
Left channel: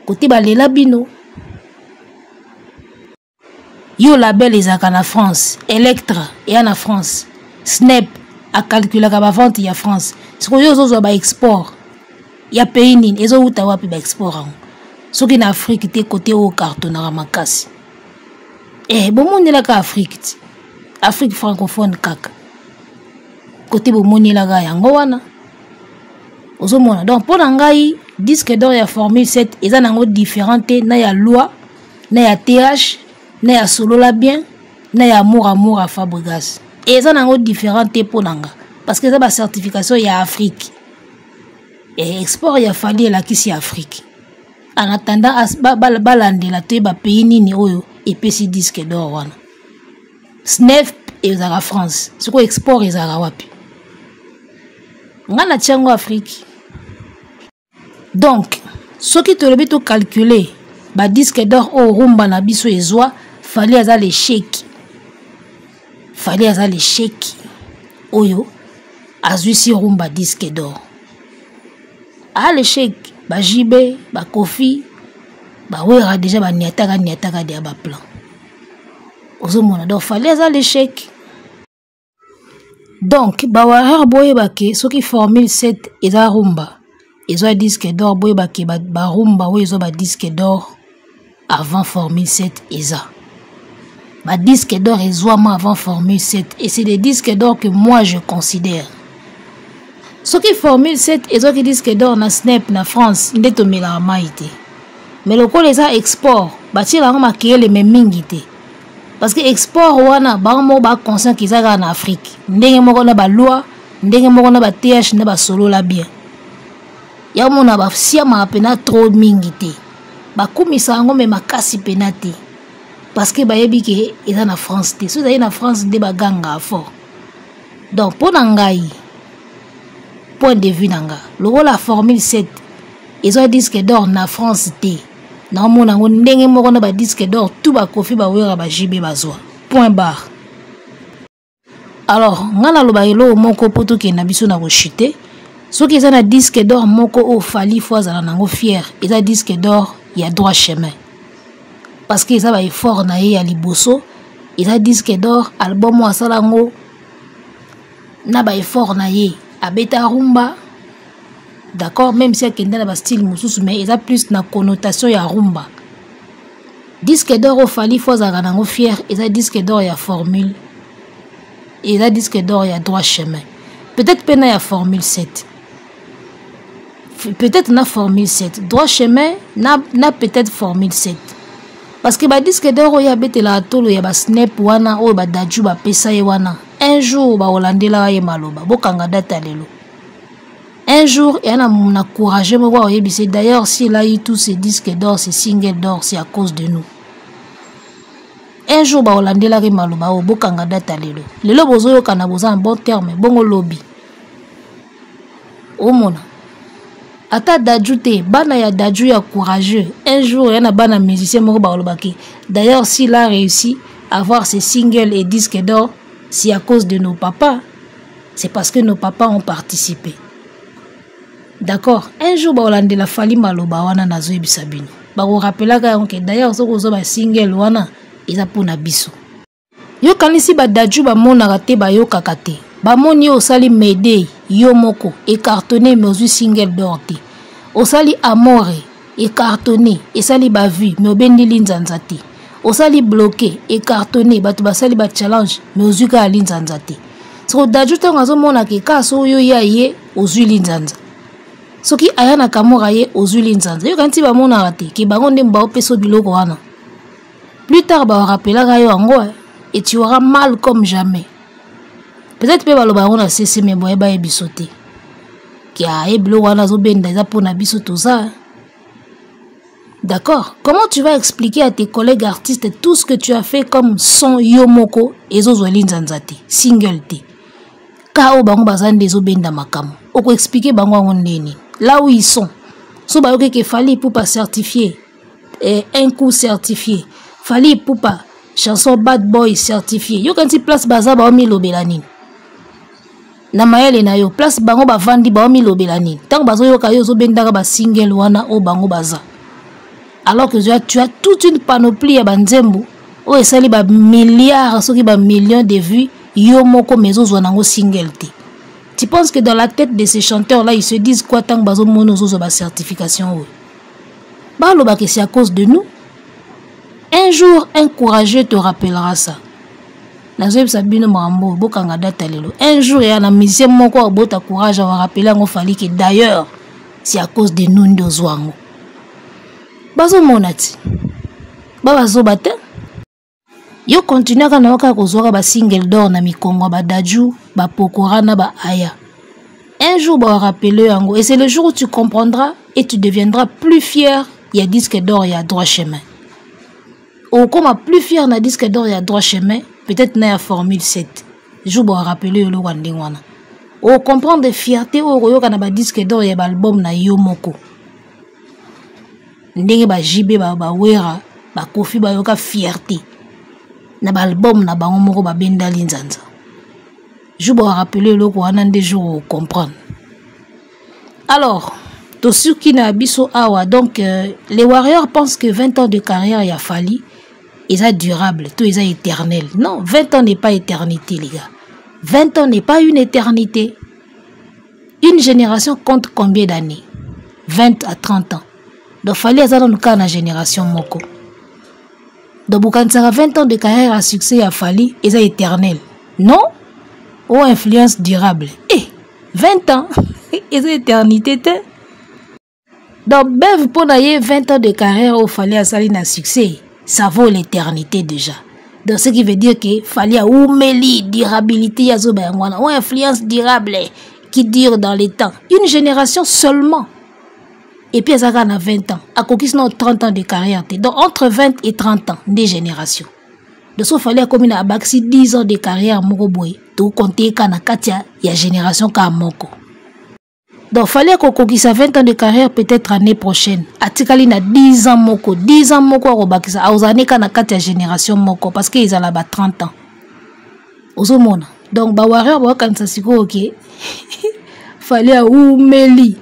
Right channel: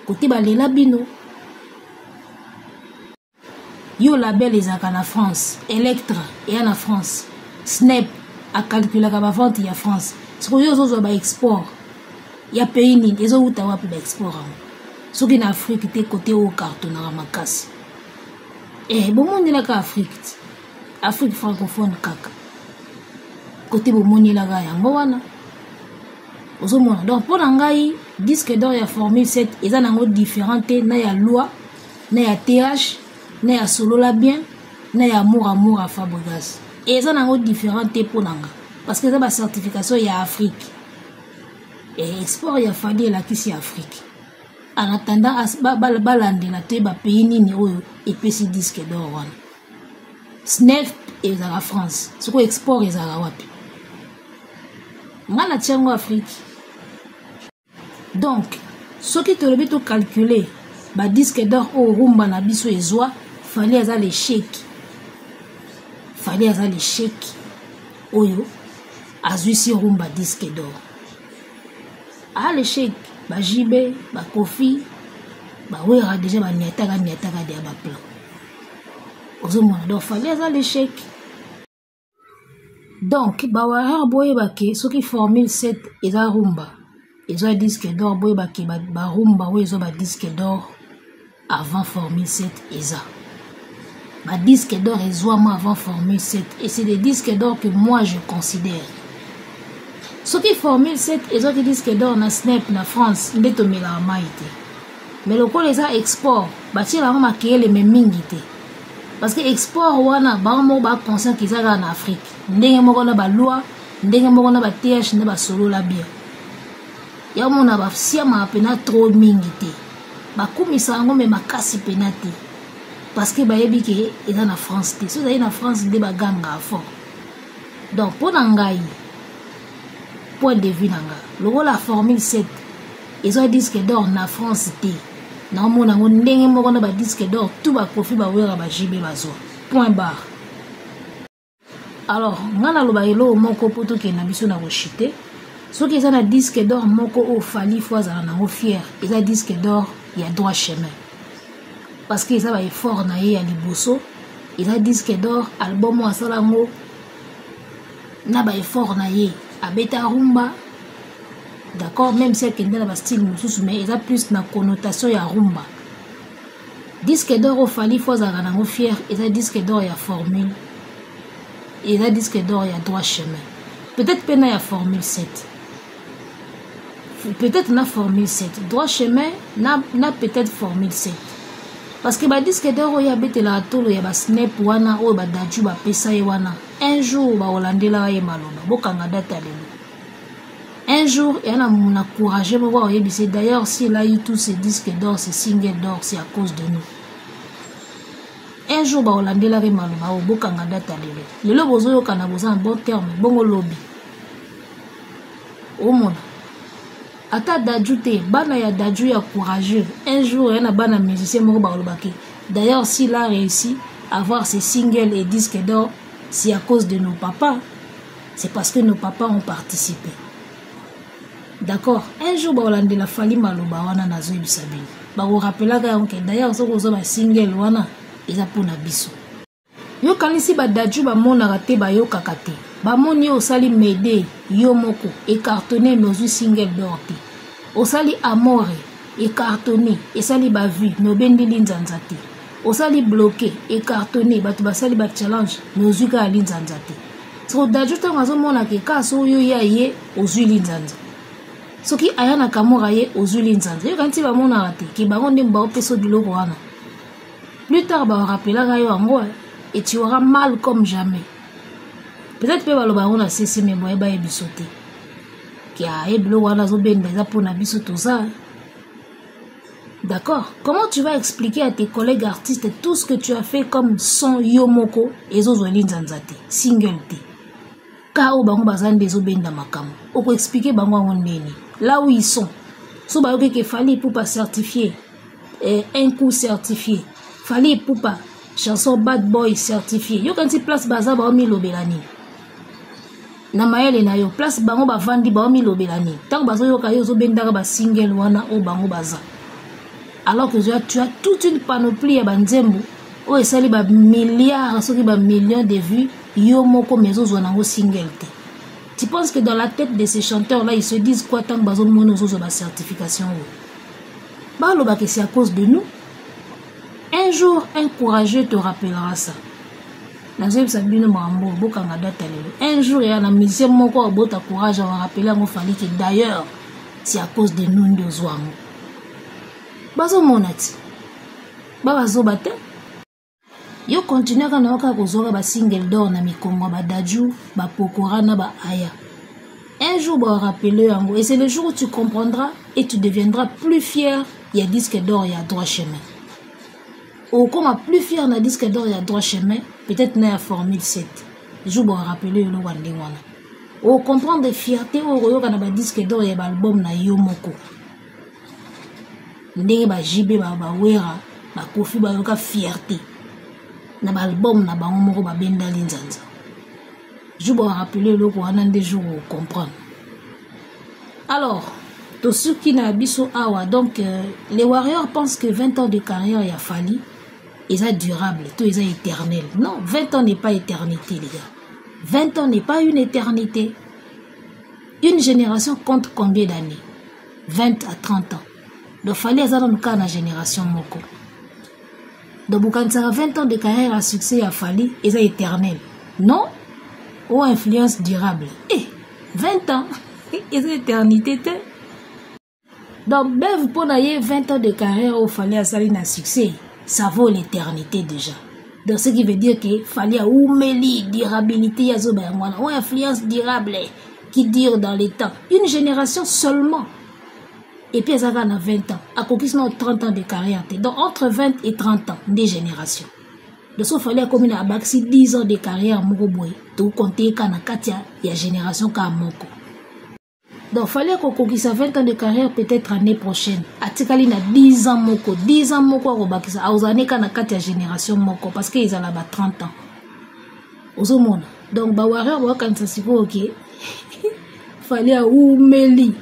kote balela bino yo label ezaka na France Electra et na France Snap a calculé ka ba vente ya France siko yo zo ba export ya pays nini ezo uta wapi ba export ango soki na Afrique te kote o carton na makasi bomoni la ka Afrique francophone kaka côté bomoni la ga yango wana ozomona donc pour ngai disque d'or ya Formule 7 eza nango différente na ya loi na ya TH na ya solo la bien na ya amour à Fabregas eza nango différente pour nanga parce que ça ba certification ya Afrique et export ya fali la kisi Afrique en attendant balandela te ba pays nini oyo epesi disque d'or wana Snef ezaka France siko export ezaka wapi ngana tiango Afrique donc soki tolobi to calculer ba disque d'or o rumba na biso ezwa fali aza l'échec oyo azui si rumba disque d'or a l'échec ba jibe ba kofi ba wera déjà ba niataka de ba plan ozomona donc fali aza l'échec donc ba wara boye bake soki Formule 7 eza rumba ezwa disque d'or boye bake ba rumba oyo ezwa ba disque d'or avant Formule 7 eza ba disque d'or ezwama avant Formule 7 et c'est des disques d'or que moi je considère soki Formule 7 ezwa ki disque d'or na Snap na France ndeto mela maite mais le col eza export batila ngo makele me mingi te parce que export wana bango ba conscient qu'ils en Afrique ndenge moko na ba loi ndenge moko na ba TH na ba solo la bien ya mona ba siama pena trop mingi te ba kumisa ngo me makasi penate parce que ba yebi ke eza na France te so na France de ba ganga fort donc pour ngai point de vue nanga logo la Formule 7 ils ont disque d'or na France te na mona ngo ndenge moko na ba disque d'or tout ba kofi ba wera ba jibe bazwa point barre alors ngana lo ba elo moko poto ke na biso na ko chiter soki eza na disque d'or moko o fali foza nango fier eza disque d'or ya droit chemin parce que eza ba effort na ye ya liboso eza disque d'or album wa salango na ba effort na ye abeta rumba d'accord même si akenda na ba style mususu mais eza plus na connotation ya rumba disque d'or o fali foza nango fier eza disque d'or ya Formule eza disque d'or ya droit chemin peut-être pena ya Formule 7 peut-être na Formule 7 droit chemin na peut-être Formule 7 parce que ba disque d'or ya betela atolo ya ba Snap wana o ba daju ba pesa ye wana un jour ba olandela ye maloba bokanga data lelo un jour et on a courageux moko oyebise d'ailleurs s'il a eu tous ces disques d'or ces singles d'or c'est à cause de nous un jour ba olandela ye maloba o bokanga data lelo bozoyo kana boza en bon terme bongo lobby o mona ata daju te bana ya daju ya courageux un jour yana bana musicien moko baolobaki d'ailleurs s'il a réussi à avoir ces singles et disques d'or c'est à cause de nos papas c'est parce que nos papas ont participé d'accord un jour baolandela fali maloba wana nazoyebisa bino bakorapelaka yango ke d'ailleurs soki ozwa ba single wana eza mpona biso Yo kanisi ba daju ba mona te ba yo kakate. Ba moni yo sali mede yo moko et cartonné mais aussi single d'orte. O sali amore et cartonné et sali ba vie mais obendi linzanza te. O sali bloqué et cartonné ba to ba sali ba challenge mais aussi ka linzanza te. So daju to ngazo mona ke kaso yo ya ye ozui linzanza. Soki ayana kamora ye ozui linzanza. Yo kanti ba mona te ki bango nde mba opeso biloko wana. Plus tard ba rappela yo ango et tu auras mal comme jamais. Peut-être que le baron a cessé mais boye ba ebisoté. Qui a eblo wana zo benda za pona biso tout ça. D'accord? Comment tu vas expliquer à tes collègues artistes tout ce que tu as fait comme son yomoko et zo linzanzate, single te. Ka o bango bazande zo benda makamo. Oko expliquer bango ngondeni. Là où ils sont. So ba yoke ke fali pour pas certifier un coup certifié. Fali pour pas chanson bad boy certifié. Yo kanti place baza ba omi lobelani. Na mayele na yo place bango ba vandi ba omi lobelani. Tant bazo yo ka yo zo bendaka ba single wana o bango baza. Alors que tu as toute une panoplie ya banzembo o esali ba milliards soki ba millions de vues yo moko mezo zo nango single te. Tu penses que dans la tête de ces chanteurs là ils se disent quoi tant bazo mono zo ba certification oui. Ba lo ba que c'est à cause de nous. Un jour, un courageux te rappellera ça. Un jour, il y a un musicien qui a courage à rappeler que d'ailleurs, c'est à cause de nous de Zouango. Bazo monati. Bazo bate. Yo continue à naoka kozora ba single d'or na mikongo ba daju, ba pokora na ba aya. Un jour, ba rappeler ango. Et c'est le jour où tu comprendras et tu deviendras plus fier. Il y a disque d'or, il y a droit chemin. Ou comme plus fier na disque d'or il y a droit chemin, peut-être na formule 7. Je vous rappeler le wandingwana. Ou comprendre de fierté ou royo kana ba disque d'or il y a album na yo moko. Ndenge ba jibe ba wera, ba kofi ba yoka fierté. Na ba album na bango moko ba benda linzanza. Je vous rappeler le wana des jours comprendre. Alors, tout ce qui n'a biso awa donc les Warriors pensent que 20 ans de carrière il a fallu. Ils sont durables, tout ils sont éternels. Non, 20 ans n'est pas éternité, les gars. 20 ans n'est pas une éternité. Une génération compte combien d'années? 20 à 30 ans. Donc, il fallait que nous la génération moko. Donc, quand ça a 20 ans de carrière à succès, à Fali, ils sont éternels. Non? Ou influence durable. Eh, 20 ans, ils sont éternité. Donc, ben, pour 20 ans de carrière, il fallait à Saline à succès. Ça vaut l'éternité déjà. Donc, ce qui veut dire qu'il fallait oumeli, durabilité, ou influence durable qui dure dans les temps. Une génération seulement. Et puis, ça a 20 ans. À quoi 30 ans de carrière. Donc, entre 20 et 30 ans, des générations. Donc, il fallait comme une abaxi 10 ans de carrière, Moroboy. Donc, compter qu'à Katia, il y a génération qui a Moko. Donc, il fallait qu'on conquisse 20 ans de carrière peut-être l'année prochaine. Atikali na 10 ans moko. 10 ans moko à bakisa. A aux années quand on a génération moko. Parce qu'ils ont là-bas 30 ans. Aux hommes. Donc, Bawareur, quand ça s'y ok. Fallait à oumeli.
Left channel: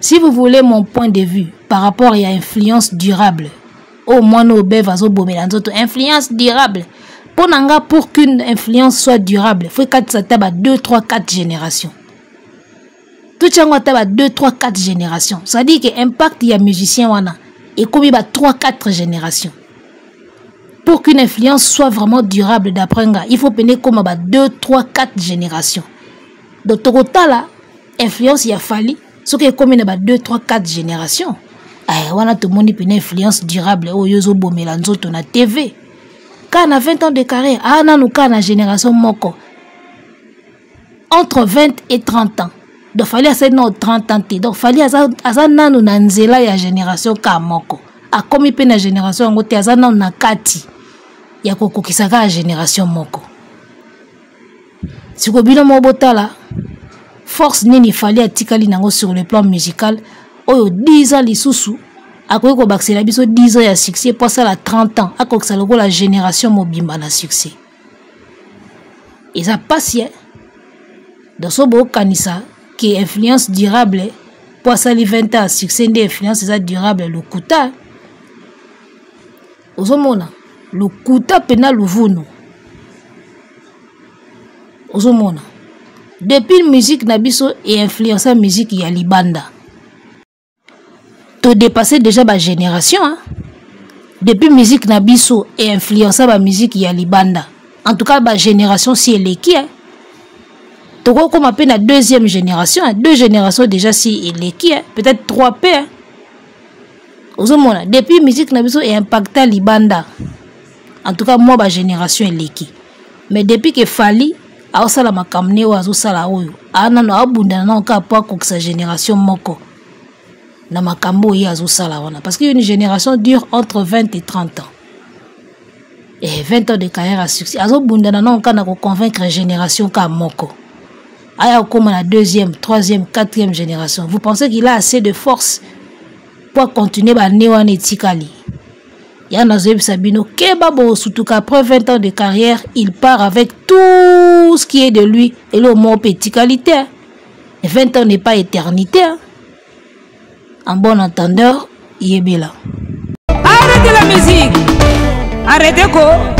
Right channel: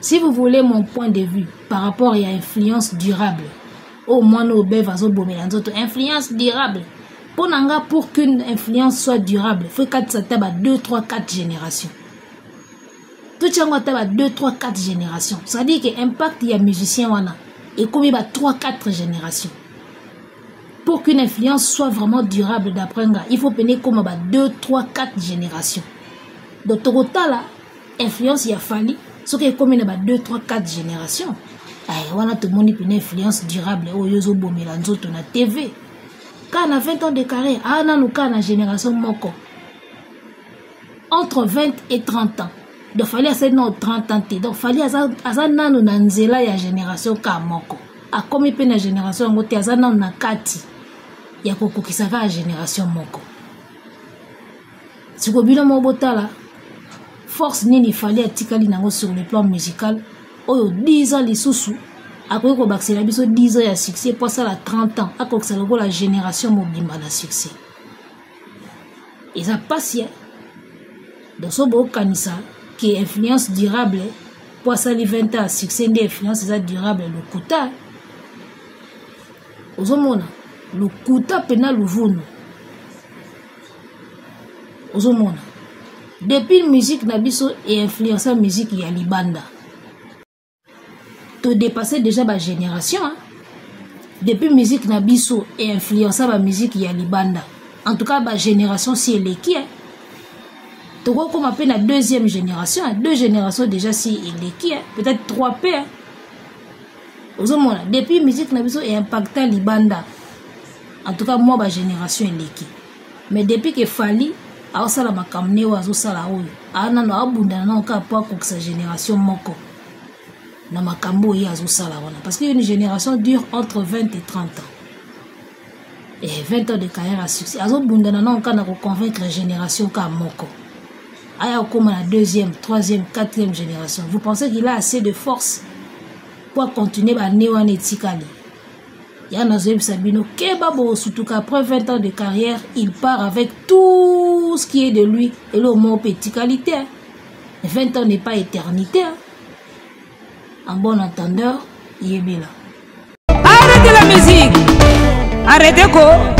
Si vous voulez mon point de vue par rapport à l'influence durable, au moins nos bébés vazo bomelanzoto. Influence durable. Pour qu'une influence soit durable, il faut que ça tape à 2, 3, 4 générations. Tout ça a 2, 3, 4 générations. Ça dit que l'impact il y a musicien wana et comme il y a 3, 4 générations. Pour qu'une influence soit vraiment durable d'après nga, il faut peiner comme 2, 3, 4 générations. Donc total là, influence il a fallu ce que comme il y a 2, 3, 4 générations. Ah wana tout le monde une influence durable au yozo bomelanzo to na TV. Quand on a 20 ans de carrière, ah na nous quand na génération moko. Entre 20 et 30 ans. Donc, il fallait assez de 30 ans. Donc, il fallait assez nanu nanzela ya génération kamoko. A comme il na génération ngote assez nanu na kati. Ya koko kisaka ya génération moko. Si ko bino mobota la, force nini fallait atikali nango sur le plan musical. Oyo 10 ans lisusu. Ako ko baksela biso 10 ans ya succès pour ça la 30 ans. Ako ça logo la génération mobimba na succès. Et ça passe dans ce beau kanisa qui est influence durable pour ça les 20 ans succès d'influence c'est durable le kuta ozomona le kuta pena luvunu ozomona depuis musique na biso et influencer musique ya libanda to dépasser déjà ba génération hein? Depuis musique na biso et influencer ba musique ya libanda en tout cas ba génération si elle est qui hein? Toko comme appelle la deuxième génération hein? Deux générations déjà si elle est qui hein? Peut-être 3P hein? Ozomona depuis musique na biso et impacta libanda en tout cas moi ba génération elle est qui mais depuis que Fally a sala makamne wa zo sala oyo ana no abunda na ka pa ko sa génération moko na makambo ya zo sala wana parce que une génération dure entre 20 et 30 ans et 20 ans de carrière à succès azo bunda na ka na ko convaincre génération ka moko aya comme la deuxième, troisième, quatrième génération. Vous pensez qu'il a assez de force pour continuer ba newan etikali? Il y a Nazoeb Sabino, Kebabo, surtout qu'après 20 ans de carrière, il part avec tout ce qui est de lui. Et le mot petit qualité. Et 20 ans n'est pas éternité. En bon entendeur, il est bien là. Arrêtez la musique. Arrêtez quoi?